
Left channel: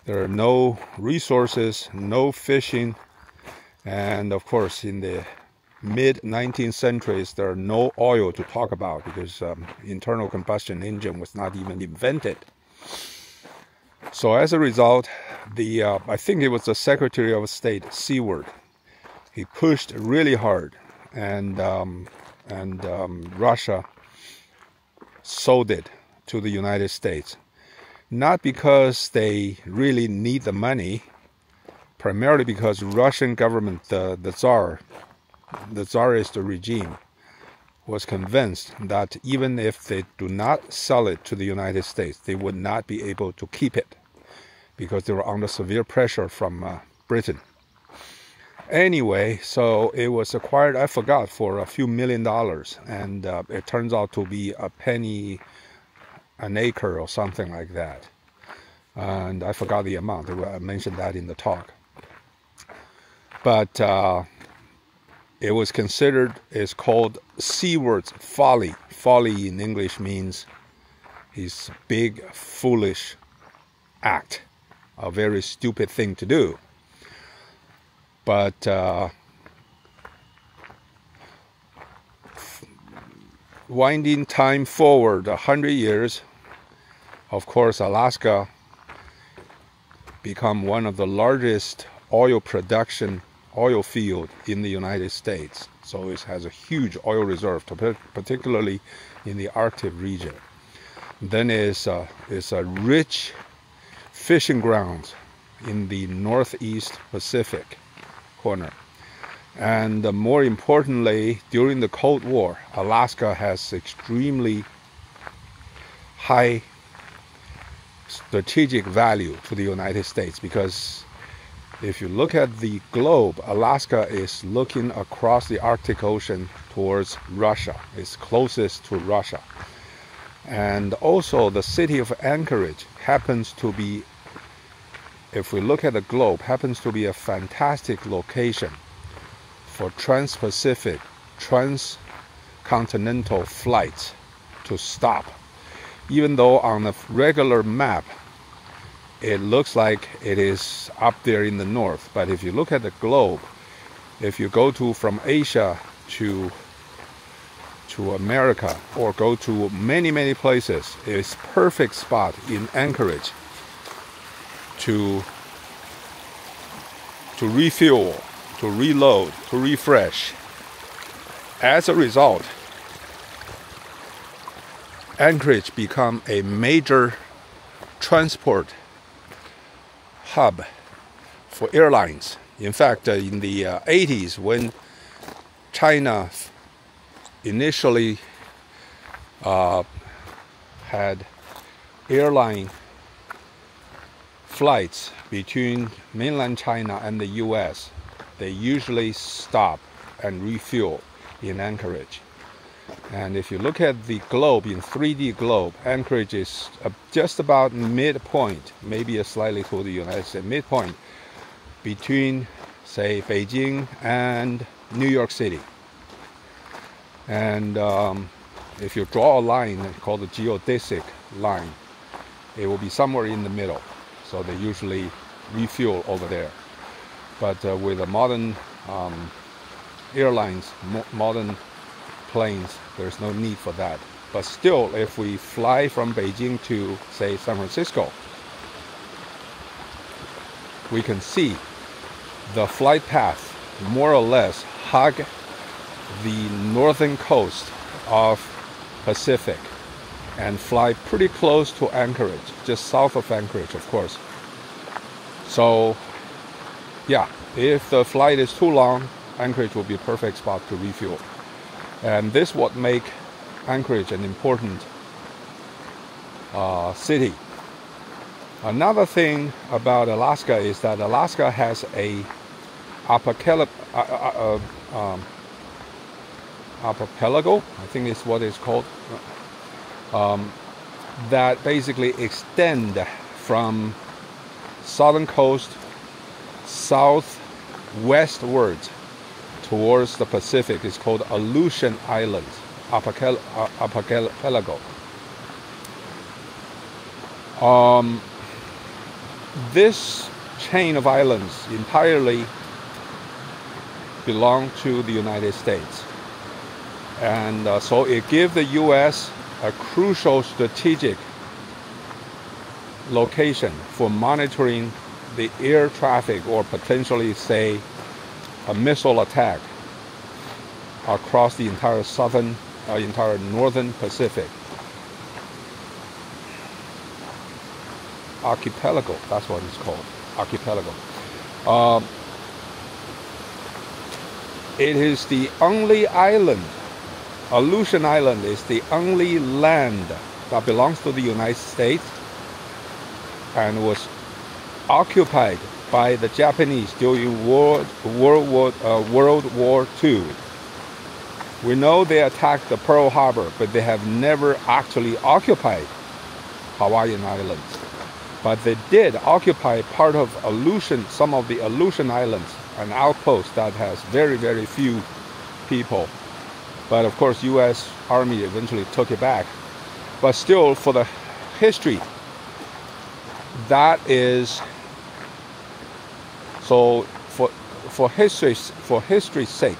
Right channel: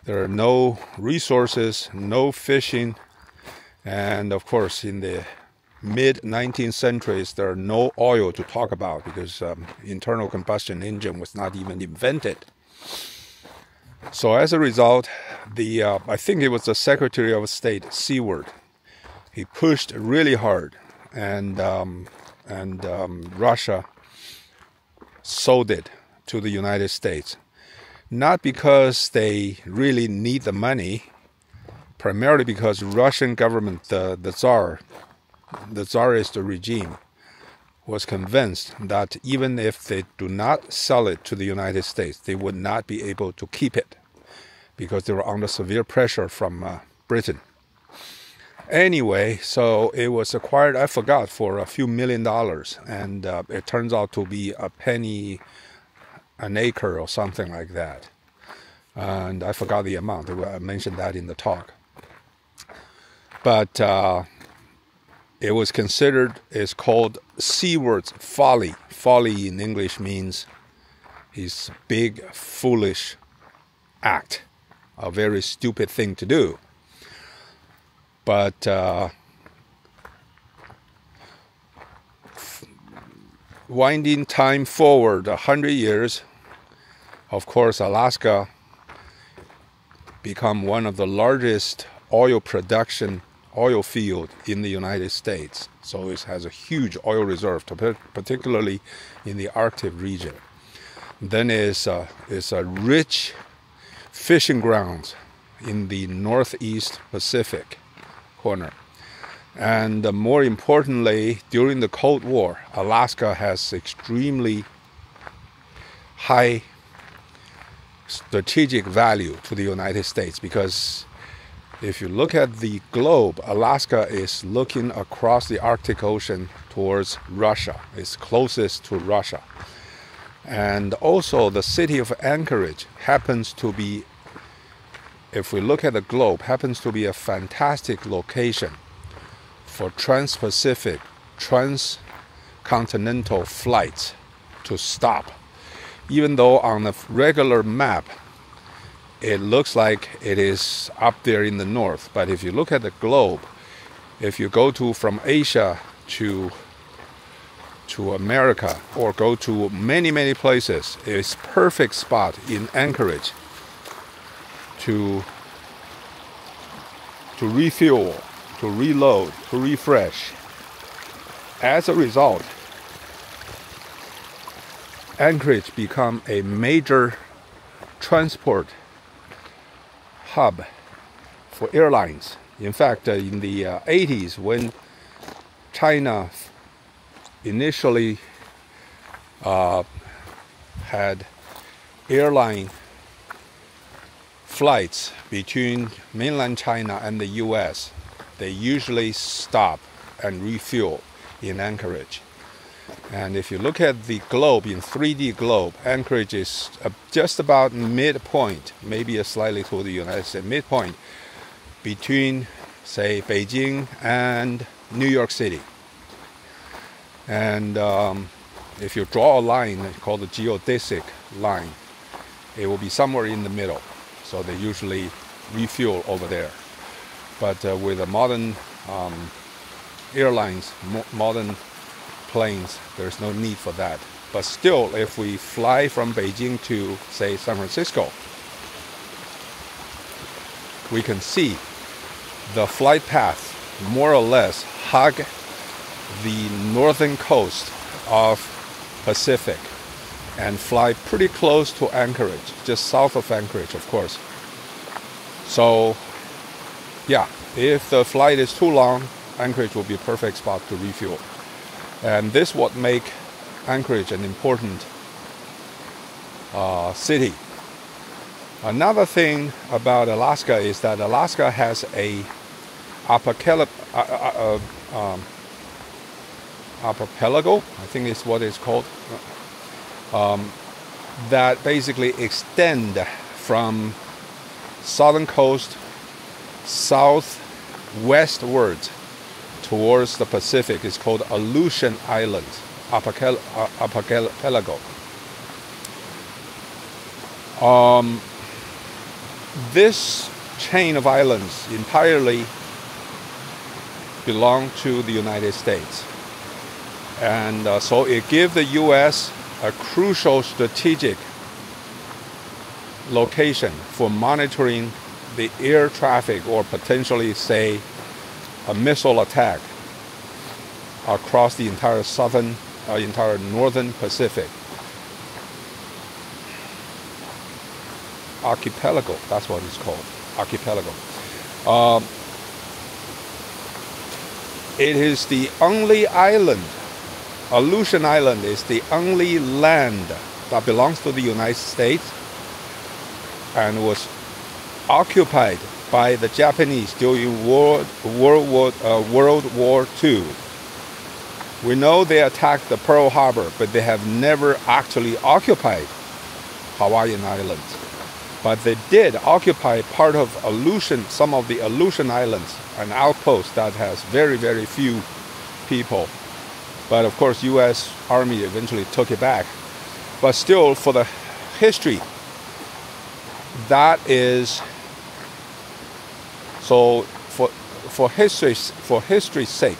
There are no resources, no fishing, and of course in the mid-19th centuries there are no oil to talk about, because internal combustion engine was not even invented. So as a result, I think it was the Secretary of State, Seward, he pushed really hard, and Russia sold it to the United States. Not because they really need the money, primarily because Russian government, the Tsarist regime, was convinced that even if they do not sell it to the United States, they would not be able to keep it, because they were under severe pressure from Britain. Anyway, so it was acquired, I forgot, for a few $1 million, and it turns out to be a penny an acre or something like that. And I forgot the amount. I mentioned that in the talk. But it was considered, it's called Seward's folly. Folly in English means his big, foolish act, a very stupid thing to do. But winding time forward 100 years, of course, Alaska become one of the largest oil field in the United States. So it has a huge oil reserve, particularly in the Arctic region. Then is a rich fishing grounds in the Northeast Pacific corner. And more importantly, during the Cold War, Alaska has extremely high strategic value to the United States, because if you look at the globe, Alaska is looking across the Arctic Ocean towards Russia. It's closest to Russia. And also the city of Anchorage happens to be, if we look at the globe, happens to be a fantastic location for trans-Pacific, transcontinental flights to stop. Even though on the regular map, it looks like it is up there in the north. But if you look at the globe, if you go from Asia to America, or go to many places, it's perfect spot in Anchorage to refuel, to reload, to refresh. As a result, Anchorage become a major transport hub for airlines. In fact, in the 80s, when China initially had airline flights between mainland China and the US, they usually stop and refuel in Anchorage. And if you look at the globe, in 3D globe, Anchorage is just about midpoint, maybe a slightly to the United States, midpoint between, say, Beijing and New York City. And if you draw a line called the geodesic line, it will be somewhere in the middle. So they usually refuel over there. But with the modern airlines, modern planes, there's no need for that. But still, if we fly from Beijing to, say, San Francisco, we can see the flight path more or less hug the northern coast of Pacific and fly pretty close to Anchorage, just south of Anchorage, of course. So yeah, if the flight is too long, Anchorage will be a perfect spot to refuel. And this would make Anchorage an important city. Another thing about Alaska is that Alaska has a archipelago, I think is what it's called, that basically extend from southern coast southwestward towards the Pacific. Is called Aleutian Islands, archipelago. This chain of islands entirely belong to the United States, and so it gives the U.S. a crucial strategic location for monitoring the air traffic, or potentially, say, a missile attack across the entire northern Pacific. Archipelago, that's what it's called, archipelago. It is the only island, Aleutian Island is the only land that belongs to the United States and was occupied by the Japanese during World War II. We know they attacked the Pearl Harbor, but they have never actually occupied Hawaiian Islands. But they did occupy part of Aleutian, some of the Aleutian Islands, an outpost that has very, very few people. But of course, U.S. Army eventually took it back. But still, for the history, that is, so for history's sake,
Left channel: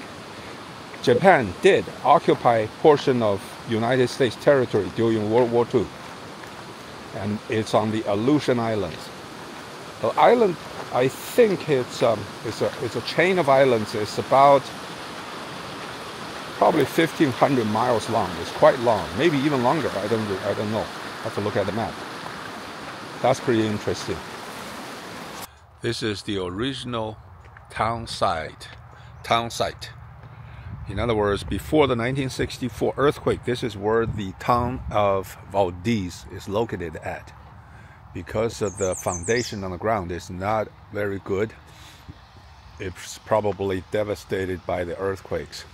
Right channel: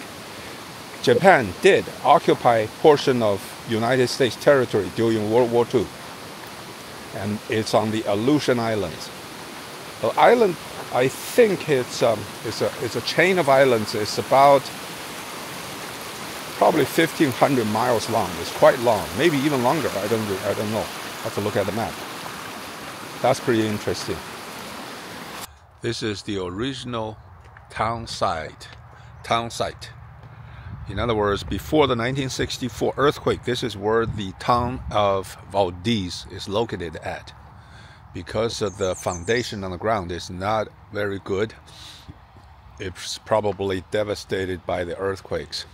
Japan did occupy portion of United States territory during World War II, and it's on the Aleutian Islands. The island, I think it's a chain of islands. It's about probably 1,500 miles long. It's quite long, maybe even longer. I don't know. I have to look at the map. That's pretty interesting. This is the original town site. In other words, before the 1964 earthquake, this is where the town of Valdez is located at. Because of the foundation on the ground is not very good, it's probably devastated by the earthquakes.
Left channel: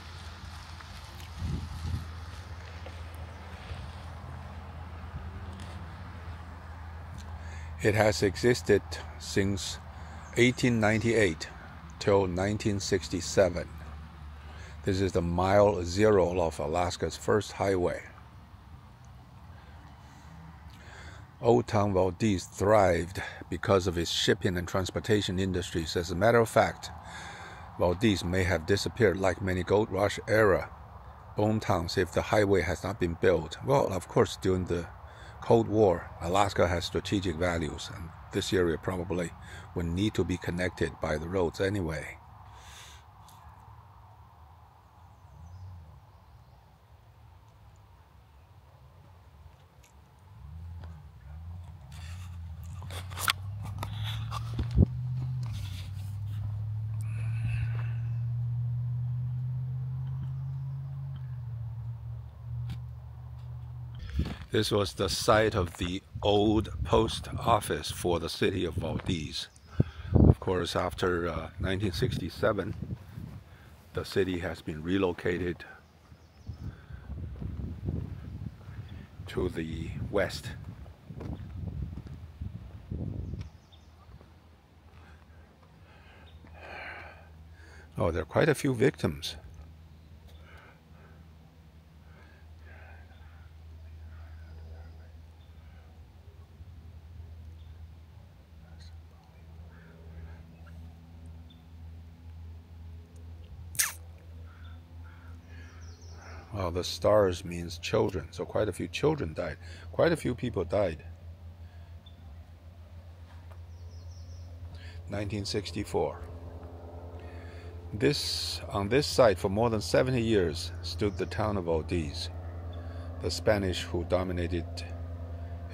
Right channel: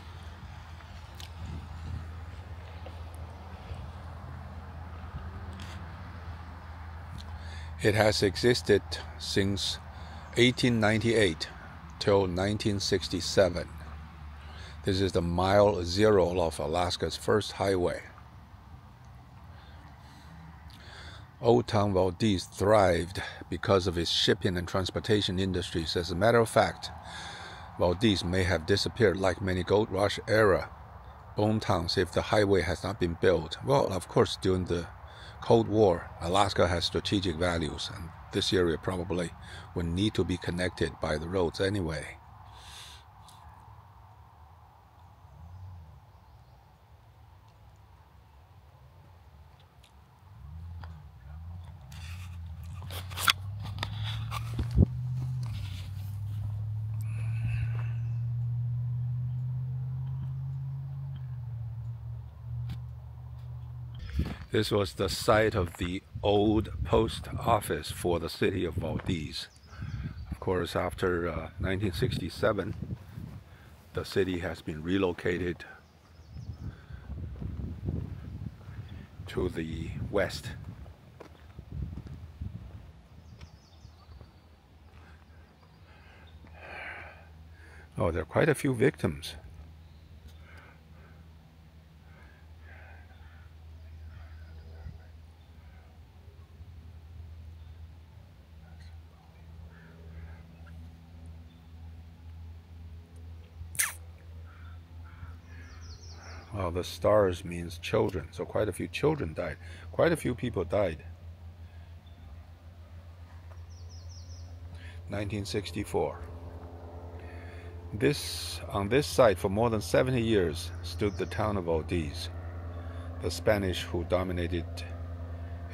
It has existed since 1898 till 1967. This is the mile zero of Alaska's first highway. Old Town Valdez thrived because of its shipping and transportation industries. As a matter of fact, Valdez may have disappeared like many gold rush era bone towns if the highway has not been built. Well, of course, during the Cold War, Alaska has strategic values, and this area probably would need to be connected by the roads anyway. This was the site of the old post office for the city of Valdez. Of course, after 1967, the city has been relocated to the west. Oh, there are quite a few victims. Well, the stars means children, so quite a few children died. Quite a few people died. 1964. On this site for more than 70 years stood the town of Valdez. The Spanish who dominated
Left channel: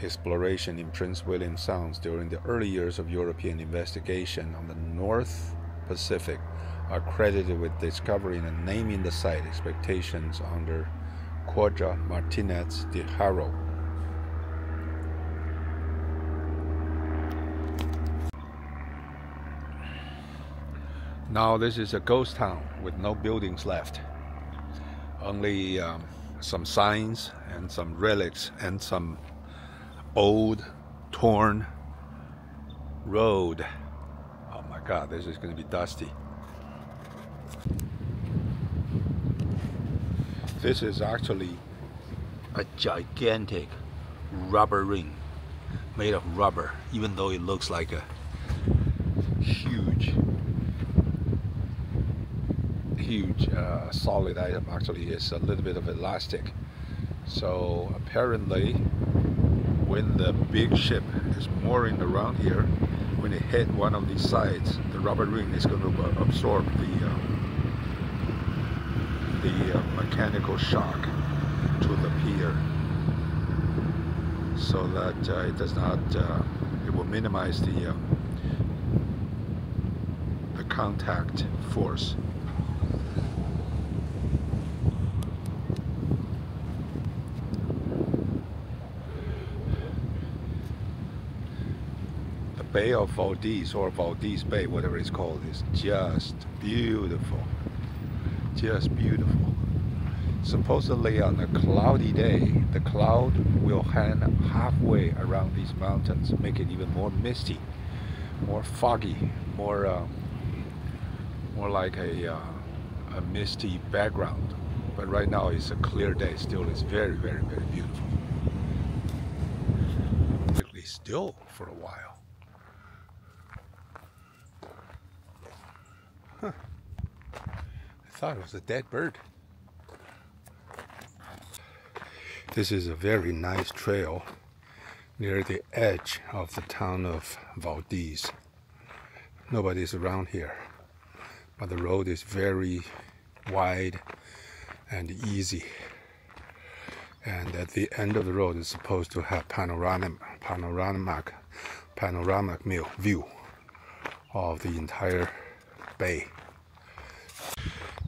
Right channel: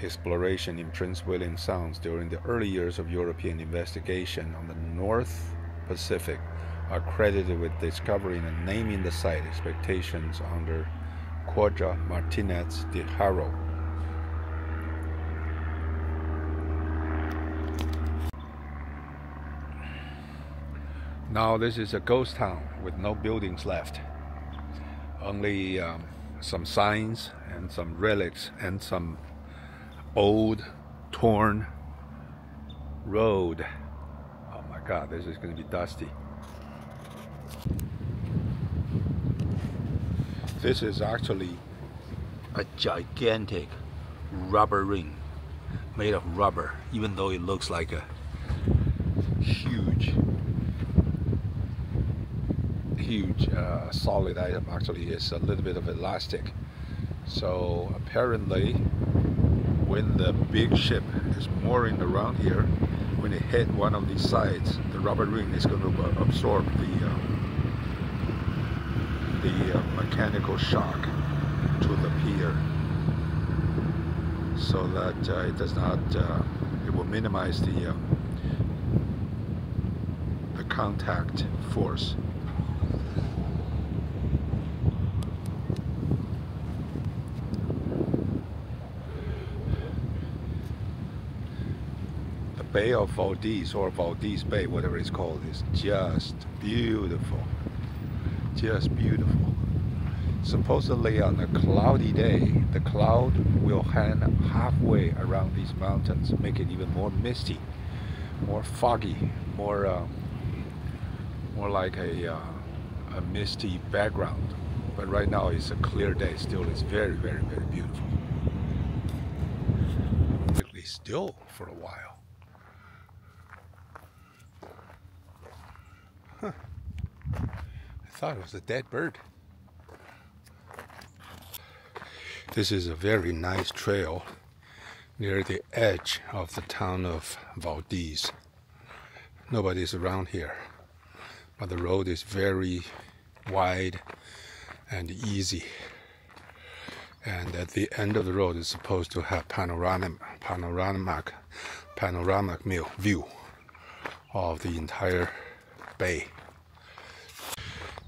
exploration in Prince William Sound during the early years of European investigation on the North Pacific are credited with discovering and naming the site. Expectations under Quadra Martinez de Haro. Now this is a ghost town with no buildings left. Only some signs and some relics and some old torn road. Oh my God, this is going to be dusty. This is actually a gigantic rubber ring made of rubber, even though it looks like a huge solid item. Actually, it's a little bit of elastic. So apparently when the big ship is mooring around here, when it hit one of these sides, the rubber ring is going to absorb the mechanical shock to the pier, so that it does not, it will minimize the contact force. The Bay of Valdez, or Valdez Bay, whatever it's called, is just beautiful. Just beautiful. Supposedly on a cloudy day, the cloud will hang halfway around these mountains, make it even more misty, more foggy, more like a misty background. But right now it's a clear day. Still, it's very, very, very beautiful. At least still for a while. Huh. I thought it was a dead bird. This is a very nice trail near the edge of the town of Valdez. Nobody's around here, but the road is very wide and easy. And at the end of the road is supposed to have panoramic view of the entire bay.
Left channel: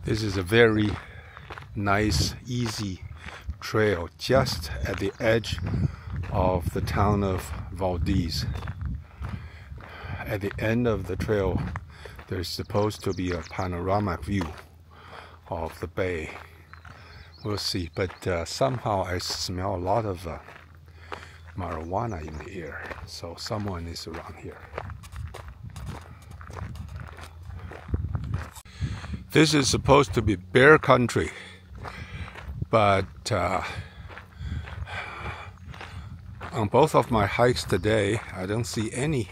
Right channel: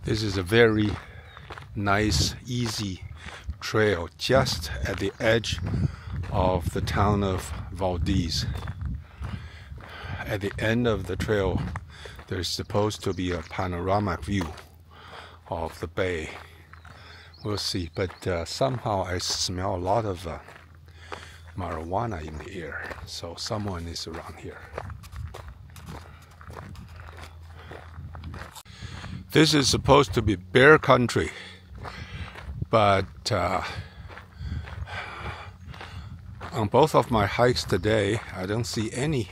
This is a very nice, easy trail just at the edge of the town of Valdez. At the end of the trail, there's supposed to be a panoramic view of the bay. We'll see, but somehow I smell a lot of marijuana in the air, so someone is around here. This is supposed to be bear country, but on both of my hikes today, I don't see any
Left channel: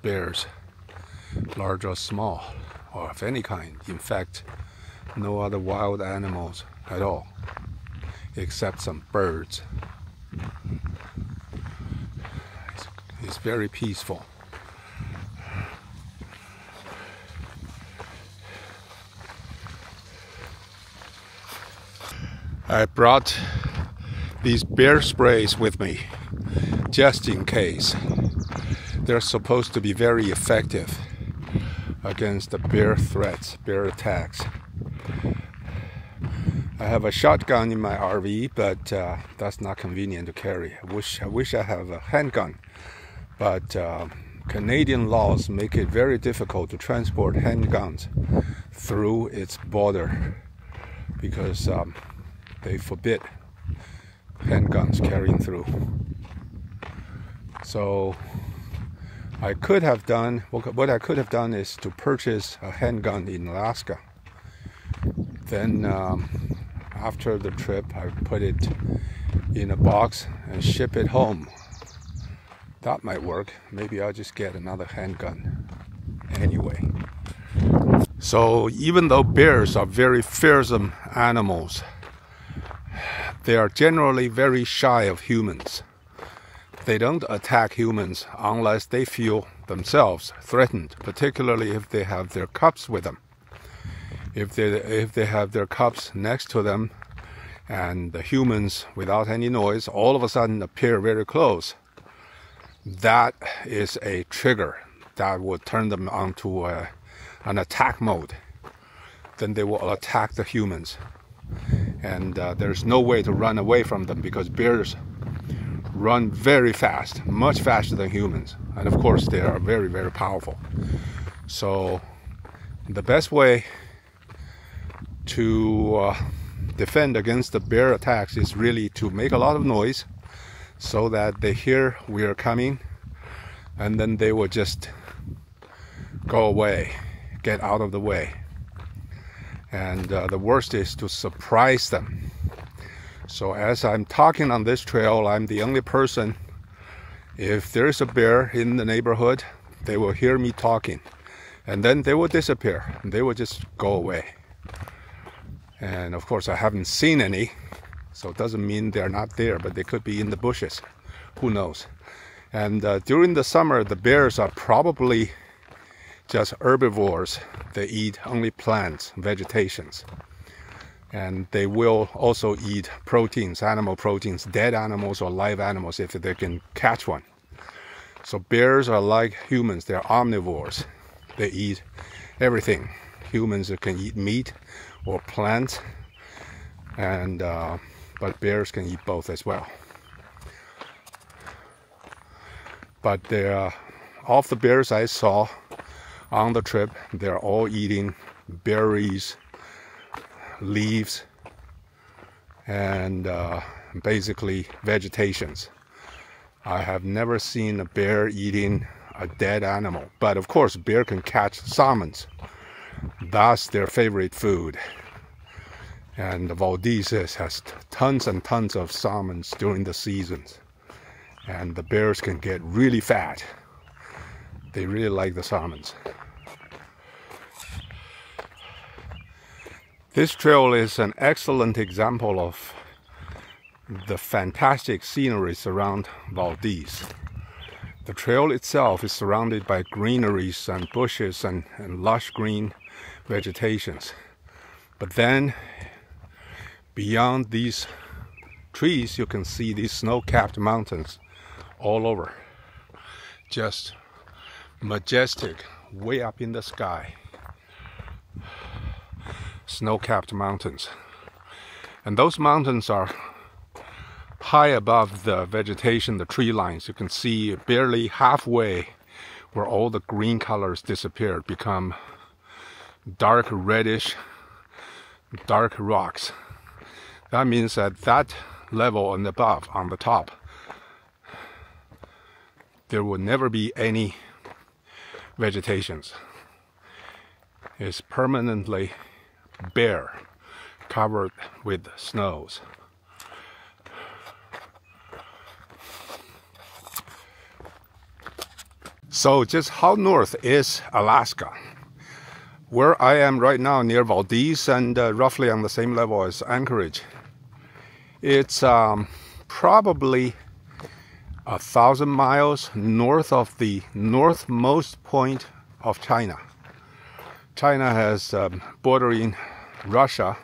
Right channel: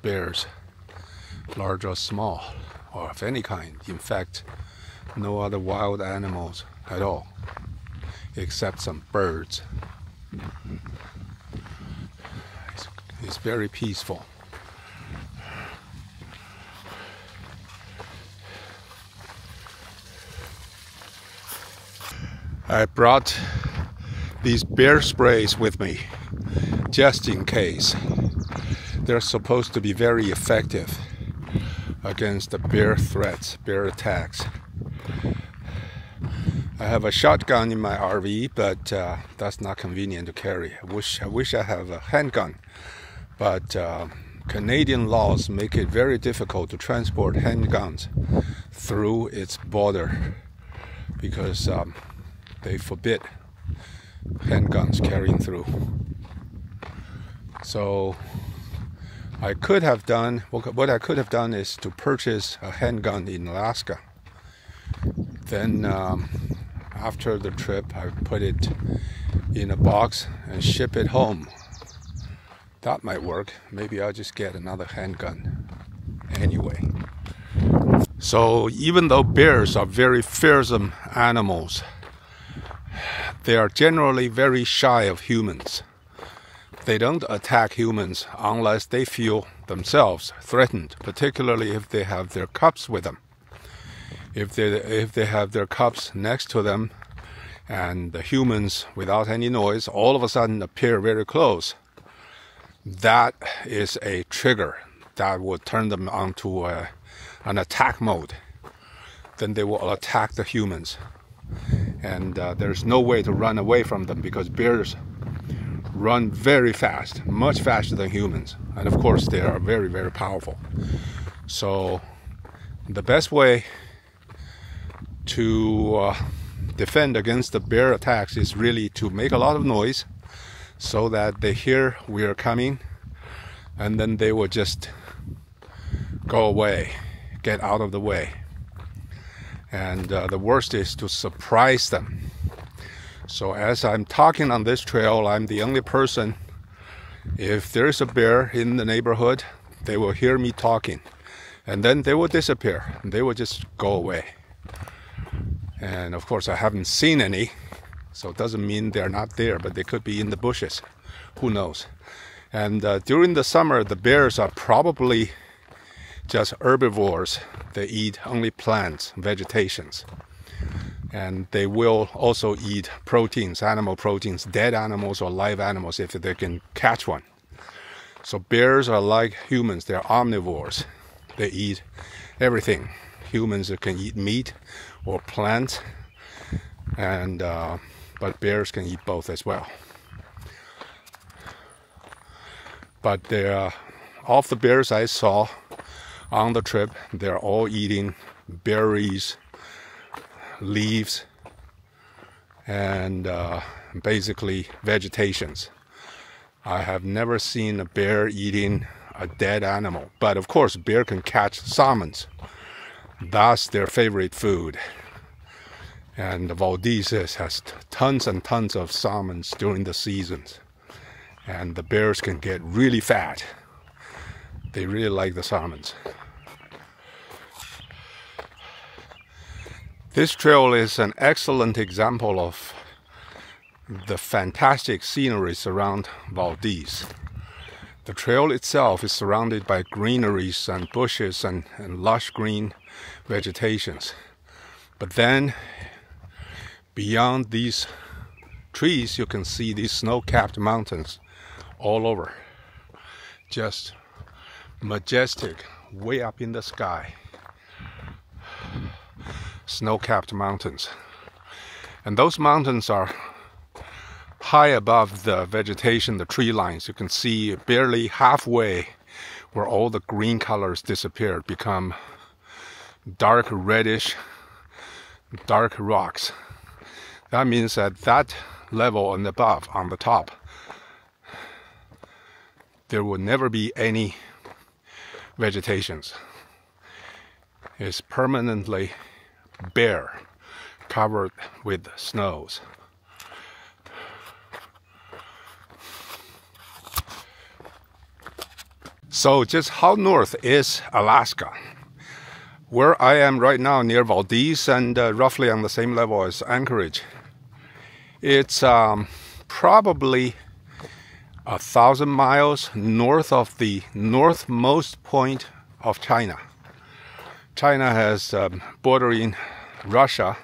bears, large or small, or of any kind. In fact, no other wild animals at all, except some birds. It's very peaceful. I brought these bear sprays with me just in case. They're supposed to be very effective against the bear threats, bear attacks. I have a shotgun in my RV, but that's not convenient to carry. I wish I have a handgun, but Canadian laws make it very difficult to transport handguns through its border because they forbid handguns carrying through. So I could have done, what I could have done is to purchase a handgun in Alaska. Then after the trip, I put it in a box and ship it home. That might work. Maybe I'll just get another handgun anyway. So even though bears are very fearsome animals, they are generally very shy of humans. They don't attack humans unless they feel themselves threatened, particularly if they have their cubs with them. If they have their cubs next to them and the humans, without any noise, all of a sudden appear very close, that is a trigger that will turn them onto an attack mode. Then they will attack the humans. And there's no way to run away from them because bears run very fast, much faster than humans. And of course, they are very, very powerful. So the best way to defend against the bear attacks is really to make a lot of noise so that they hear we are coming, and then they will just go away, get out of the way. And the worst is to surprise them. So as I'm talking on this trail, I'm the only person. If there's a bear in the neighborhood, they will hear me talking, and then they will disappear. They will just go away. And of course, I haven't seen any, so it doesn't mean they're not there, but they could be in the bushes. Who knows? And during the summer, the bears are probably just herbivores. They eat only plants, vegetations. And they will also eat proteins, animal proteins, dead animals or live animals if they can catch one. So bears are like humans, they're omnivores. They eat everything. Humans can eat meat or plants, and but bears can eat both as well. But of the bears I saw on the trip, they're all eating berries, leaves, and basically vegetations. I have never seen a bear eating a dead animal, but of course bear can catch salmons. That's their favorite food. And Valdez has tons and tons of salmons during the seasons, and the bears can get really fat. They really like the salmons. This trail is an excellent example of the fantastic sceneries around Valdez. The trail itself is surrounded by greeneries and bushes and lush green vegetations. But then, beyond these trees, you can see these snow-capped mountains all over. Just majestic, way up in the sky. Snow-capped mountains. And those mountains are high above the vegetation, the tree lines. You can see barely halfway where all the green colors disappeared, become dark reddish, dark rocks. That means at that level and above, on the top, there will never be any vegetations. It's permanently bare, covered with snows. So just how north is Alaska? Where I am right now, near Valdez, and roughly on the same level as Anchorage, it's probably 1,000 miles north of the northmost point of China. China has bordering Russia.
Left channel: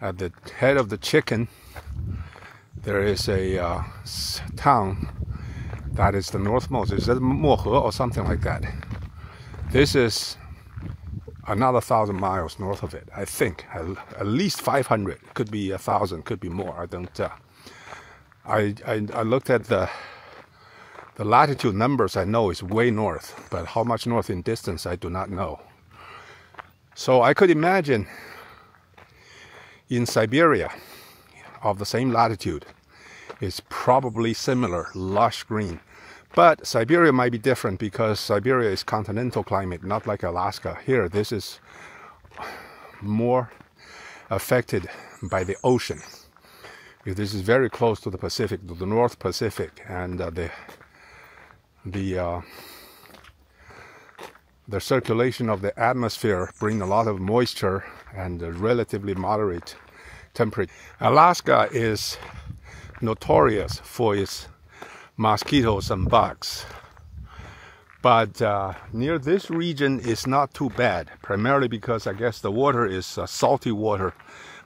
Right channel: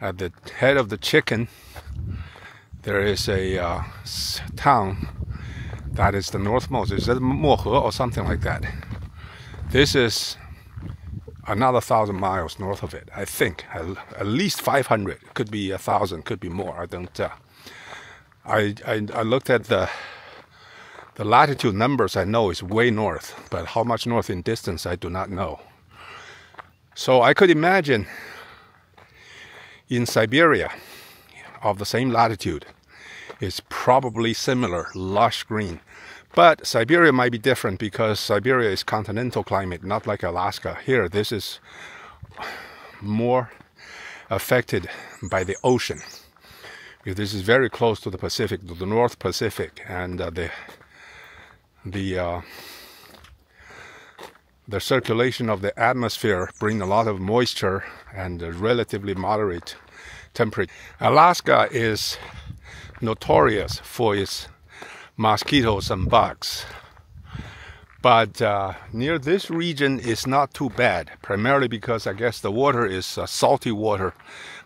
At the head of the chicken, there is a town that is the northmost. Is it Mohe or something like that? This is another 1,000 miles north of it, I think. At least 500. Could be 1,000, could be more. I don't. I looked at the latitude numbers. I know it's way north, but how much north in distance I do not know. So I could imagine in Siberia, of the same latitude, is probably similar, lush green. But Siberia might be different because Siberia is continental climate, not like Alaska. Here, this is more affected by the ocean. This is very close to the Pacific, to the North Pacific, and the circulation of the atmosphere brings a lot of moisture and a relatively moderate temperature. Alaska is notorious for its mosquitoes and bugs, but near this region is not too bad, primarily because I guess the water is salty water.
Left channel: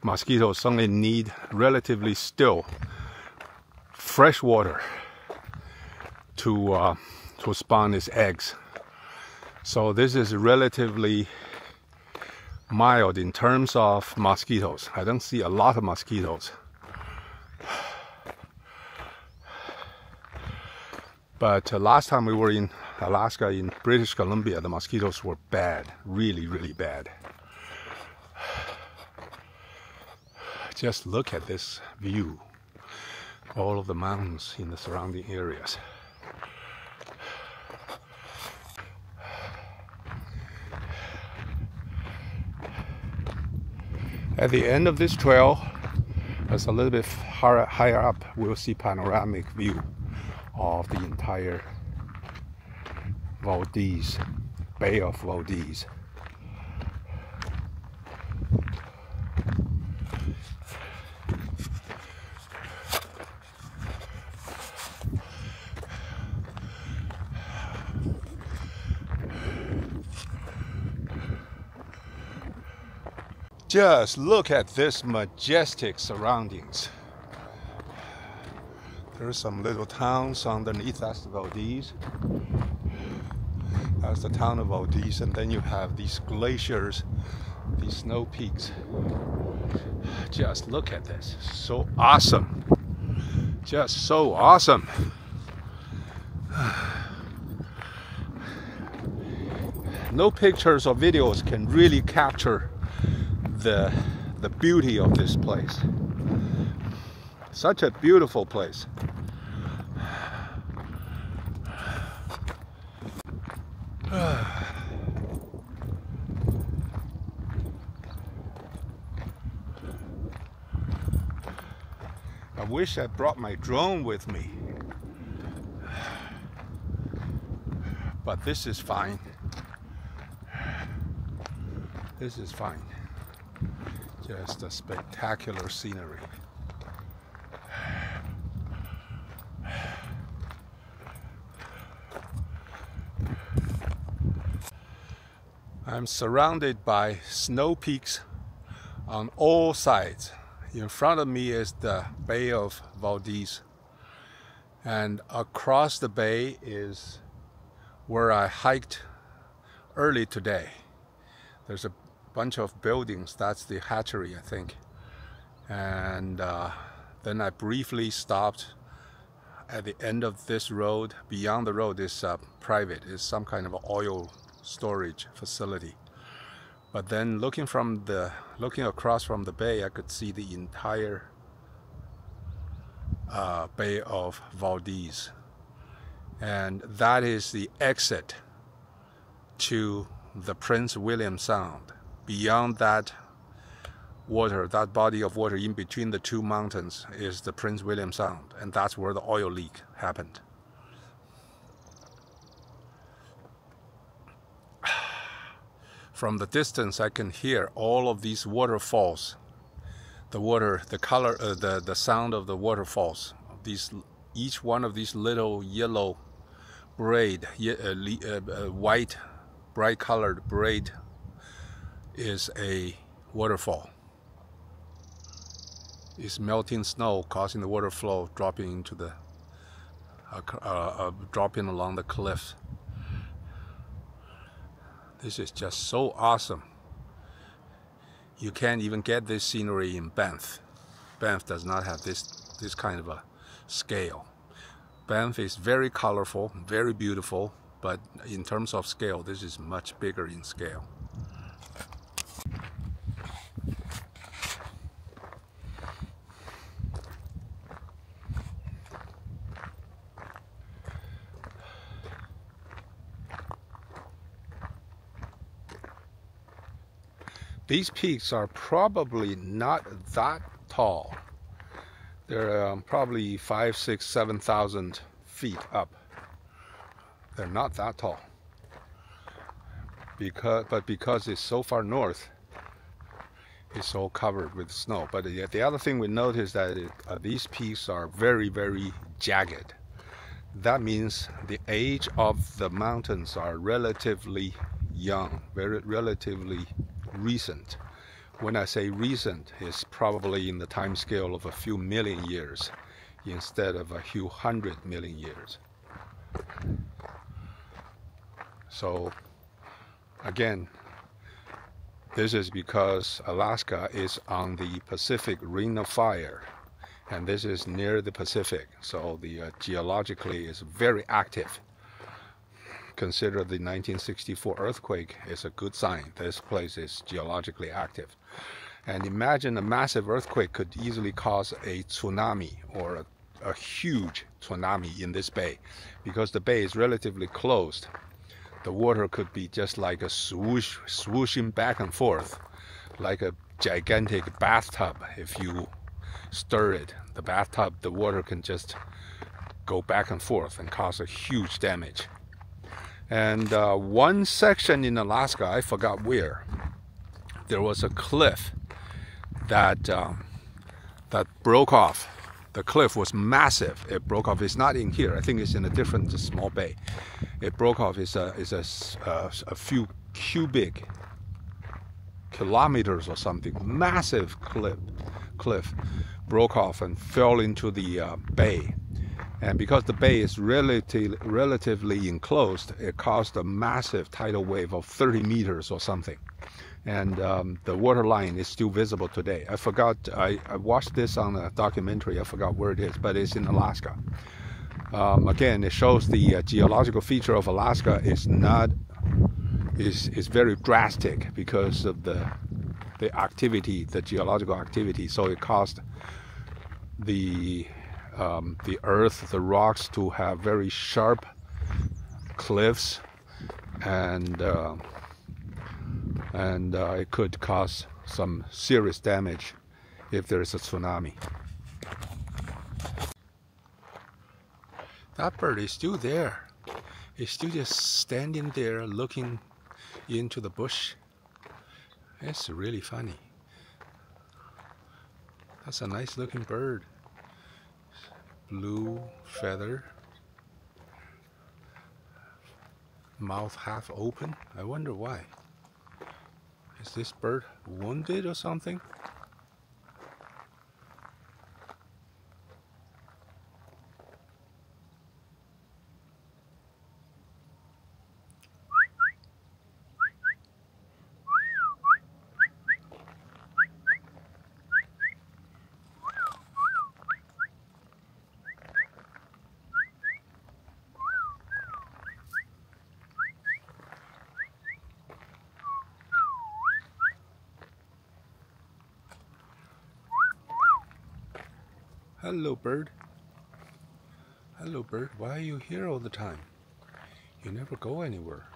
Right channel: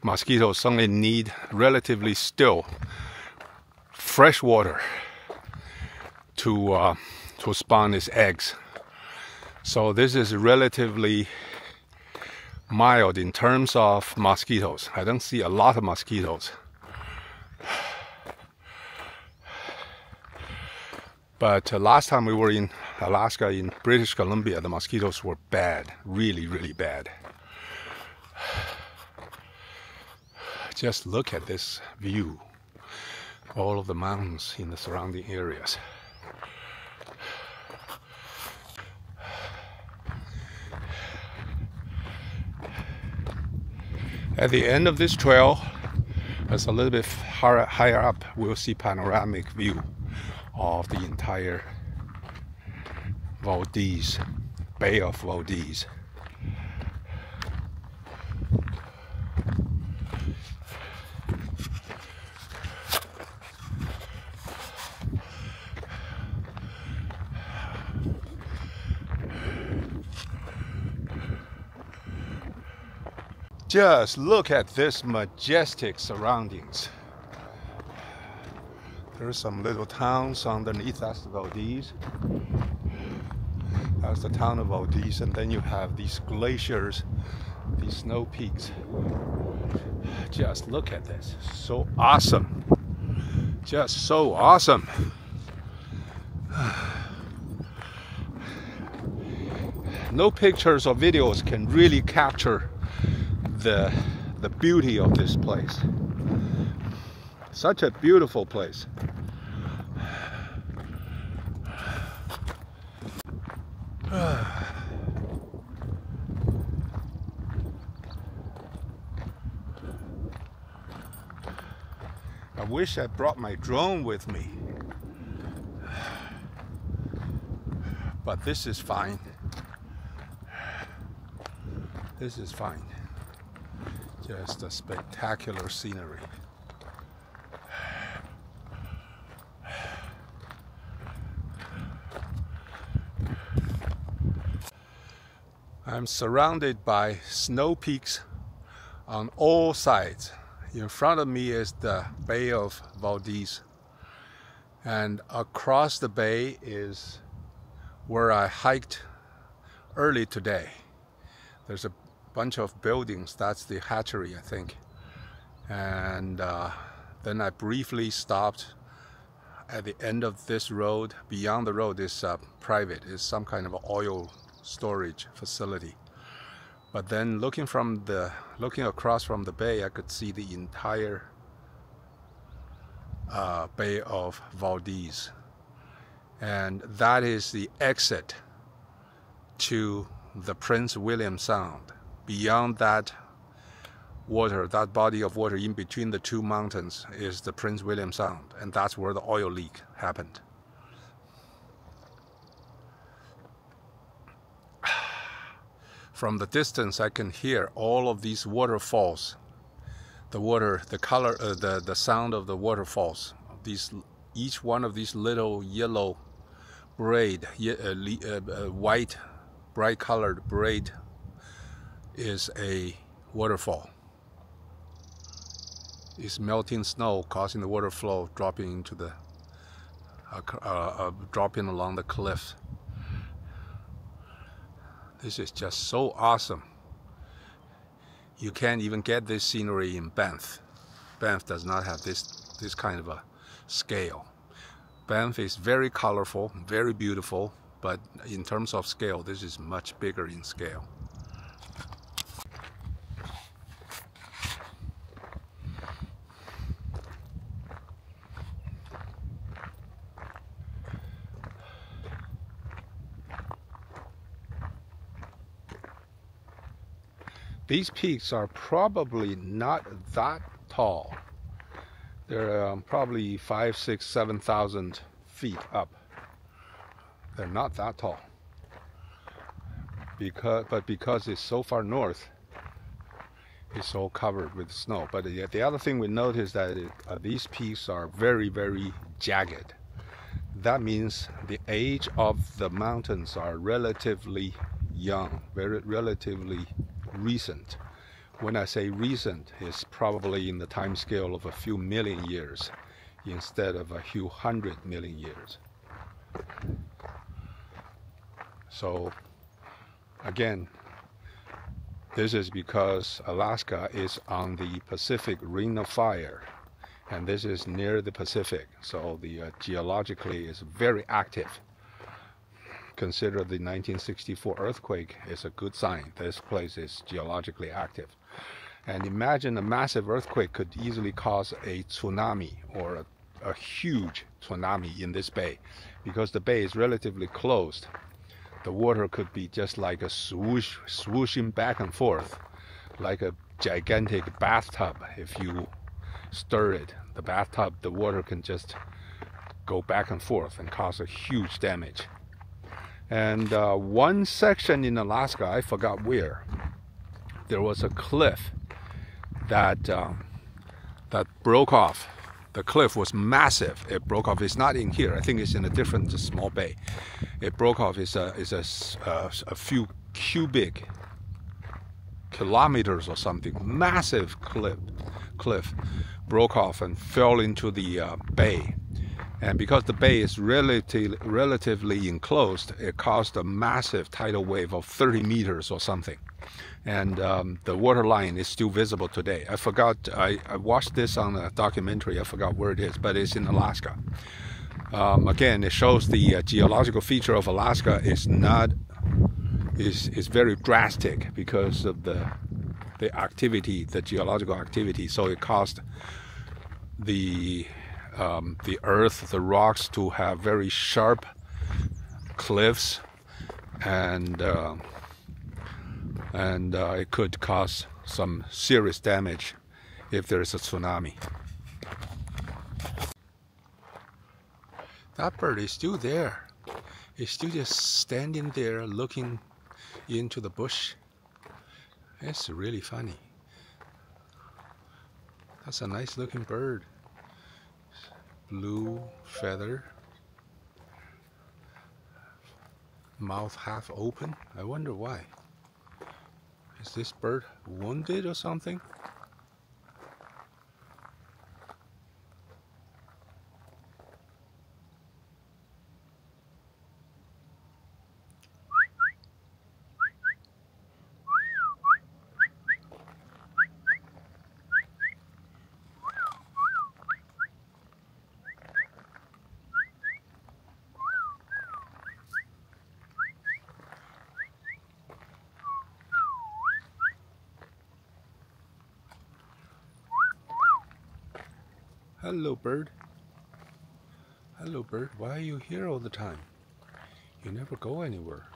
Mosquitoes only need relatively still fresh water to spawn its eggs. So this is relatively mild in terms of mosquitoes. I don't see a lot of mosquitoes. But last time we were in Alaska, in British Columbia, the mosquitoes were bad, really, really bad. Just look at this view, all of the mountains in the surrounding areas. At the end of this trail, as a little bit higher up, we'll see panoramic view of the entire Valdez, Bay of Valdez. Just look at this majestic surroundings. There's some little towns underneath. That's the Valdez. That's the town of Valdez, and then you have these glaciers, these snow peaks. Just look at this. So awesome. Just so awesome. No pictures or videos can really capture the beauty of this place. Such a beautiful place. I wish I brought my drone with me, but this is fine. This is fine. Just a spectacular scenery. I'm surrounded by snow peaks on all sides. In front of me is the Bay of Valdez, and across the bay is where I hiked early today. There's a bunch of buildings. That's the hatchery, I think. And then I briefly stopped at the end of this road. Beyond the road is private. It's some kind of oil storage facility. But then looking across from the bay, I could see the entire Bay of Valdez, and that is the exit to the Prince William Sound. Beyond that water, that body of water in between the two mountains, is the Prince William Sound, and that's where the oil leak happened. From the distance, I can hear all of these waterfalls. The water, the color, the sound of the waterfalls. Each one of these little yellow braid, white, bright-colored braid, is a waterfall. It's melting snow causing the water flow dropping into the dropping along the cliff. This is just so awesome. You can't even get this scenery in Banff. Banff does not have this kind of a scale. Banff is very colorful, very beautiful, but in terms of scale, this is much bigger in scale. These peaks are probably not that tall. They're probably 5, 6, 7,000 feet up. They're not that tall. Because it's so far north, it's all covered with snow. But the other thing we notice is that these peaks are very, very jagged. That means the age of the mountains are relatively young, relatively recent. When I say recent, it's probably in the time scale of a few million years instead of a few 100 million years. So again, this is because Alaska is on the Pacific Ring of Fire, and this is near the Pacific, so the geologically is very active. Consider the 1964 earthquake is a good sign. This place is geologically active. And imagine a massive earthquake could easily cause a tsunami, or a huge tsunami in this bay. Because the bay is relatively closed, the water could be just like a swooshing back and forth, like a gigantic bathtub. If you stir it, the bathtub, the water can just go back and forth and cause a huge damage. And one section in Alaska, I forgot where, there was a cliff that broke off. The cliff was massive. It broke off. It's not in here. I think it's in a different small bay. It broke off. It's a few cubic kilometers or something. Massive cliff broke off and fell into the bay. And because the bay is relatively enclosed, it caused a massive tidal wave of 30 meters or something. And the water line is still visible today. I forgot, I watched this on a documentary, I forgot where it is, but it's in Alaska. Again, it shows the geological feature of Alaska is very drastic because of the activity, the geological activity. So it caused the earth, the rocks, to have very sharp cliffs, and it could cause some serious damage if there is a tsunami. That bird is still there. It's still just standing there looking into the bush. It's really funny. That's a nice looking bird. Blue feather, mouth half open. I wonder why. Is this bird wounded or something? Hello, bird. Hello, bird. Why are you here all the time? You never go anywhere.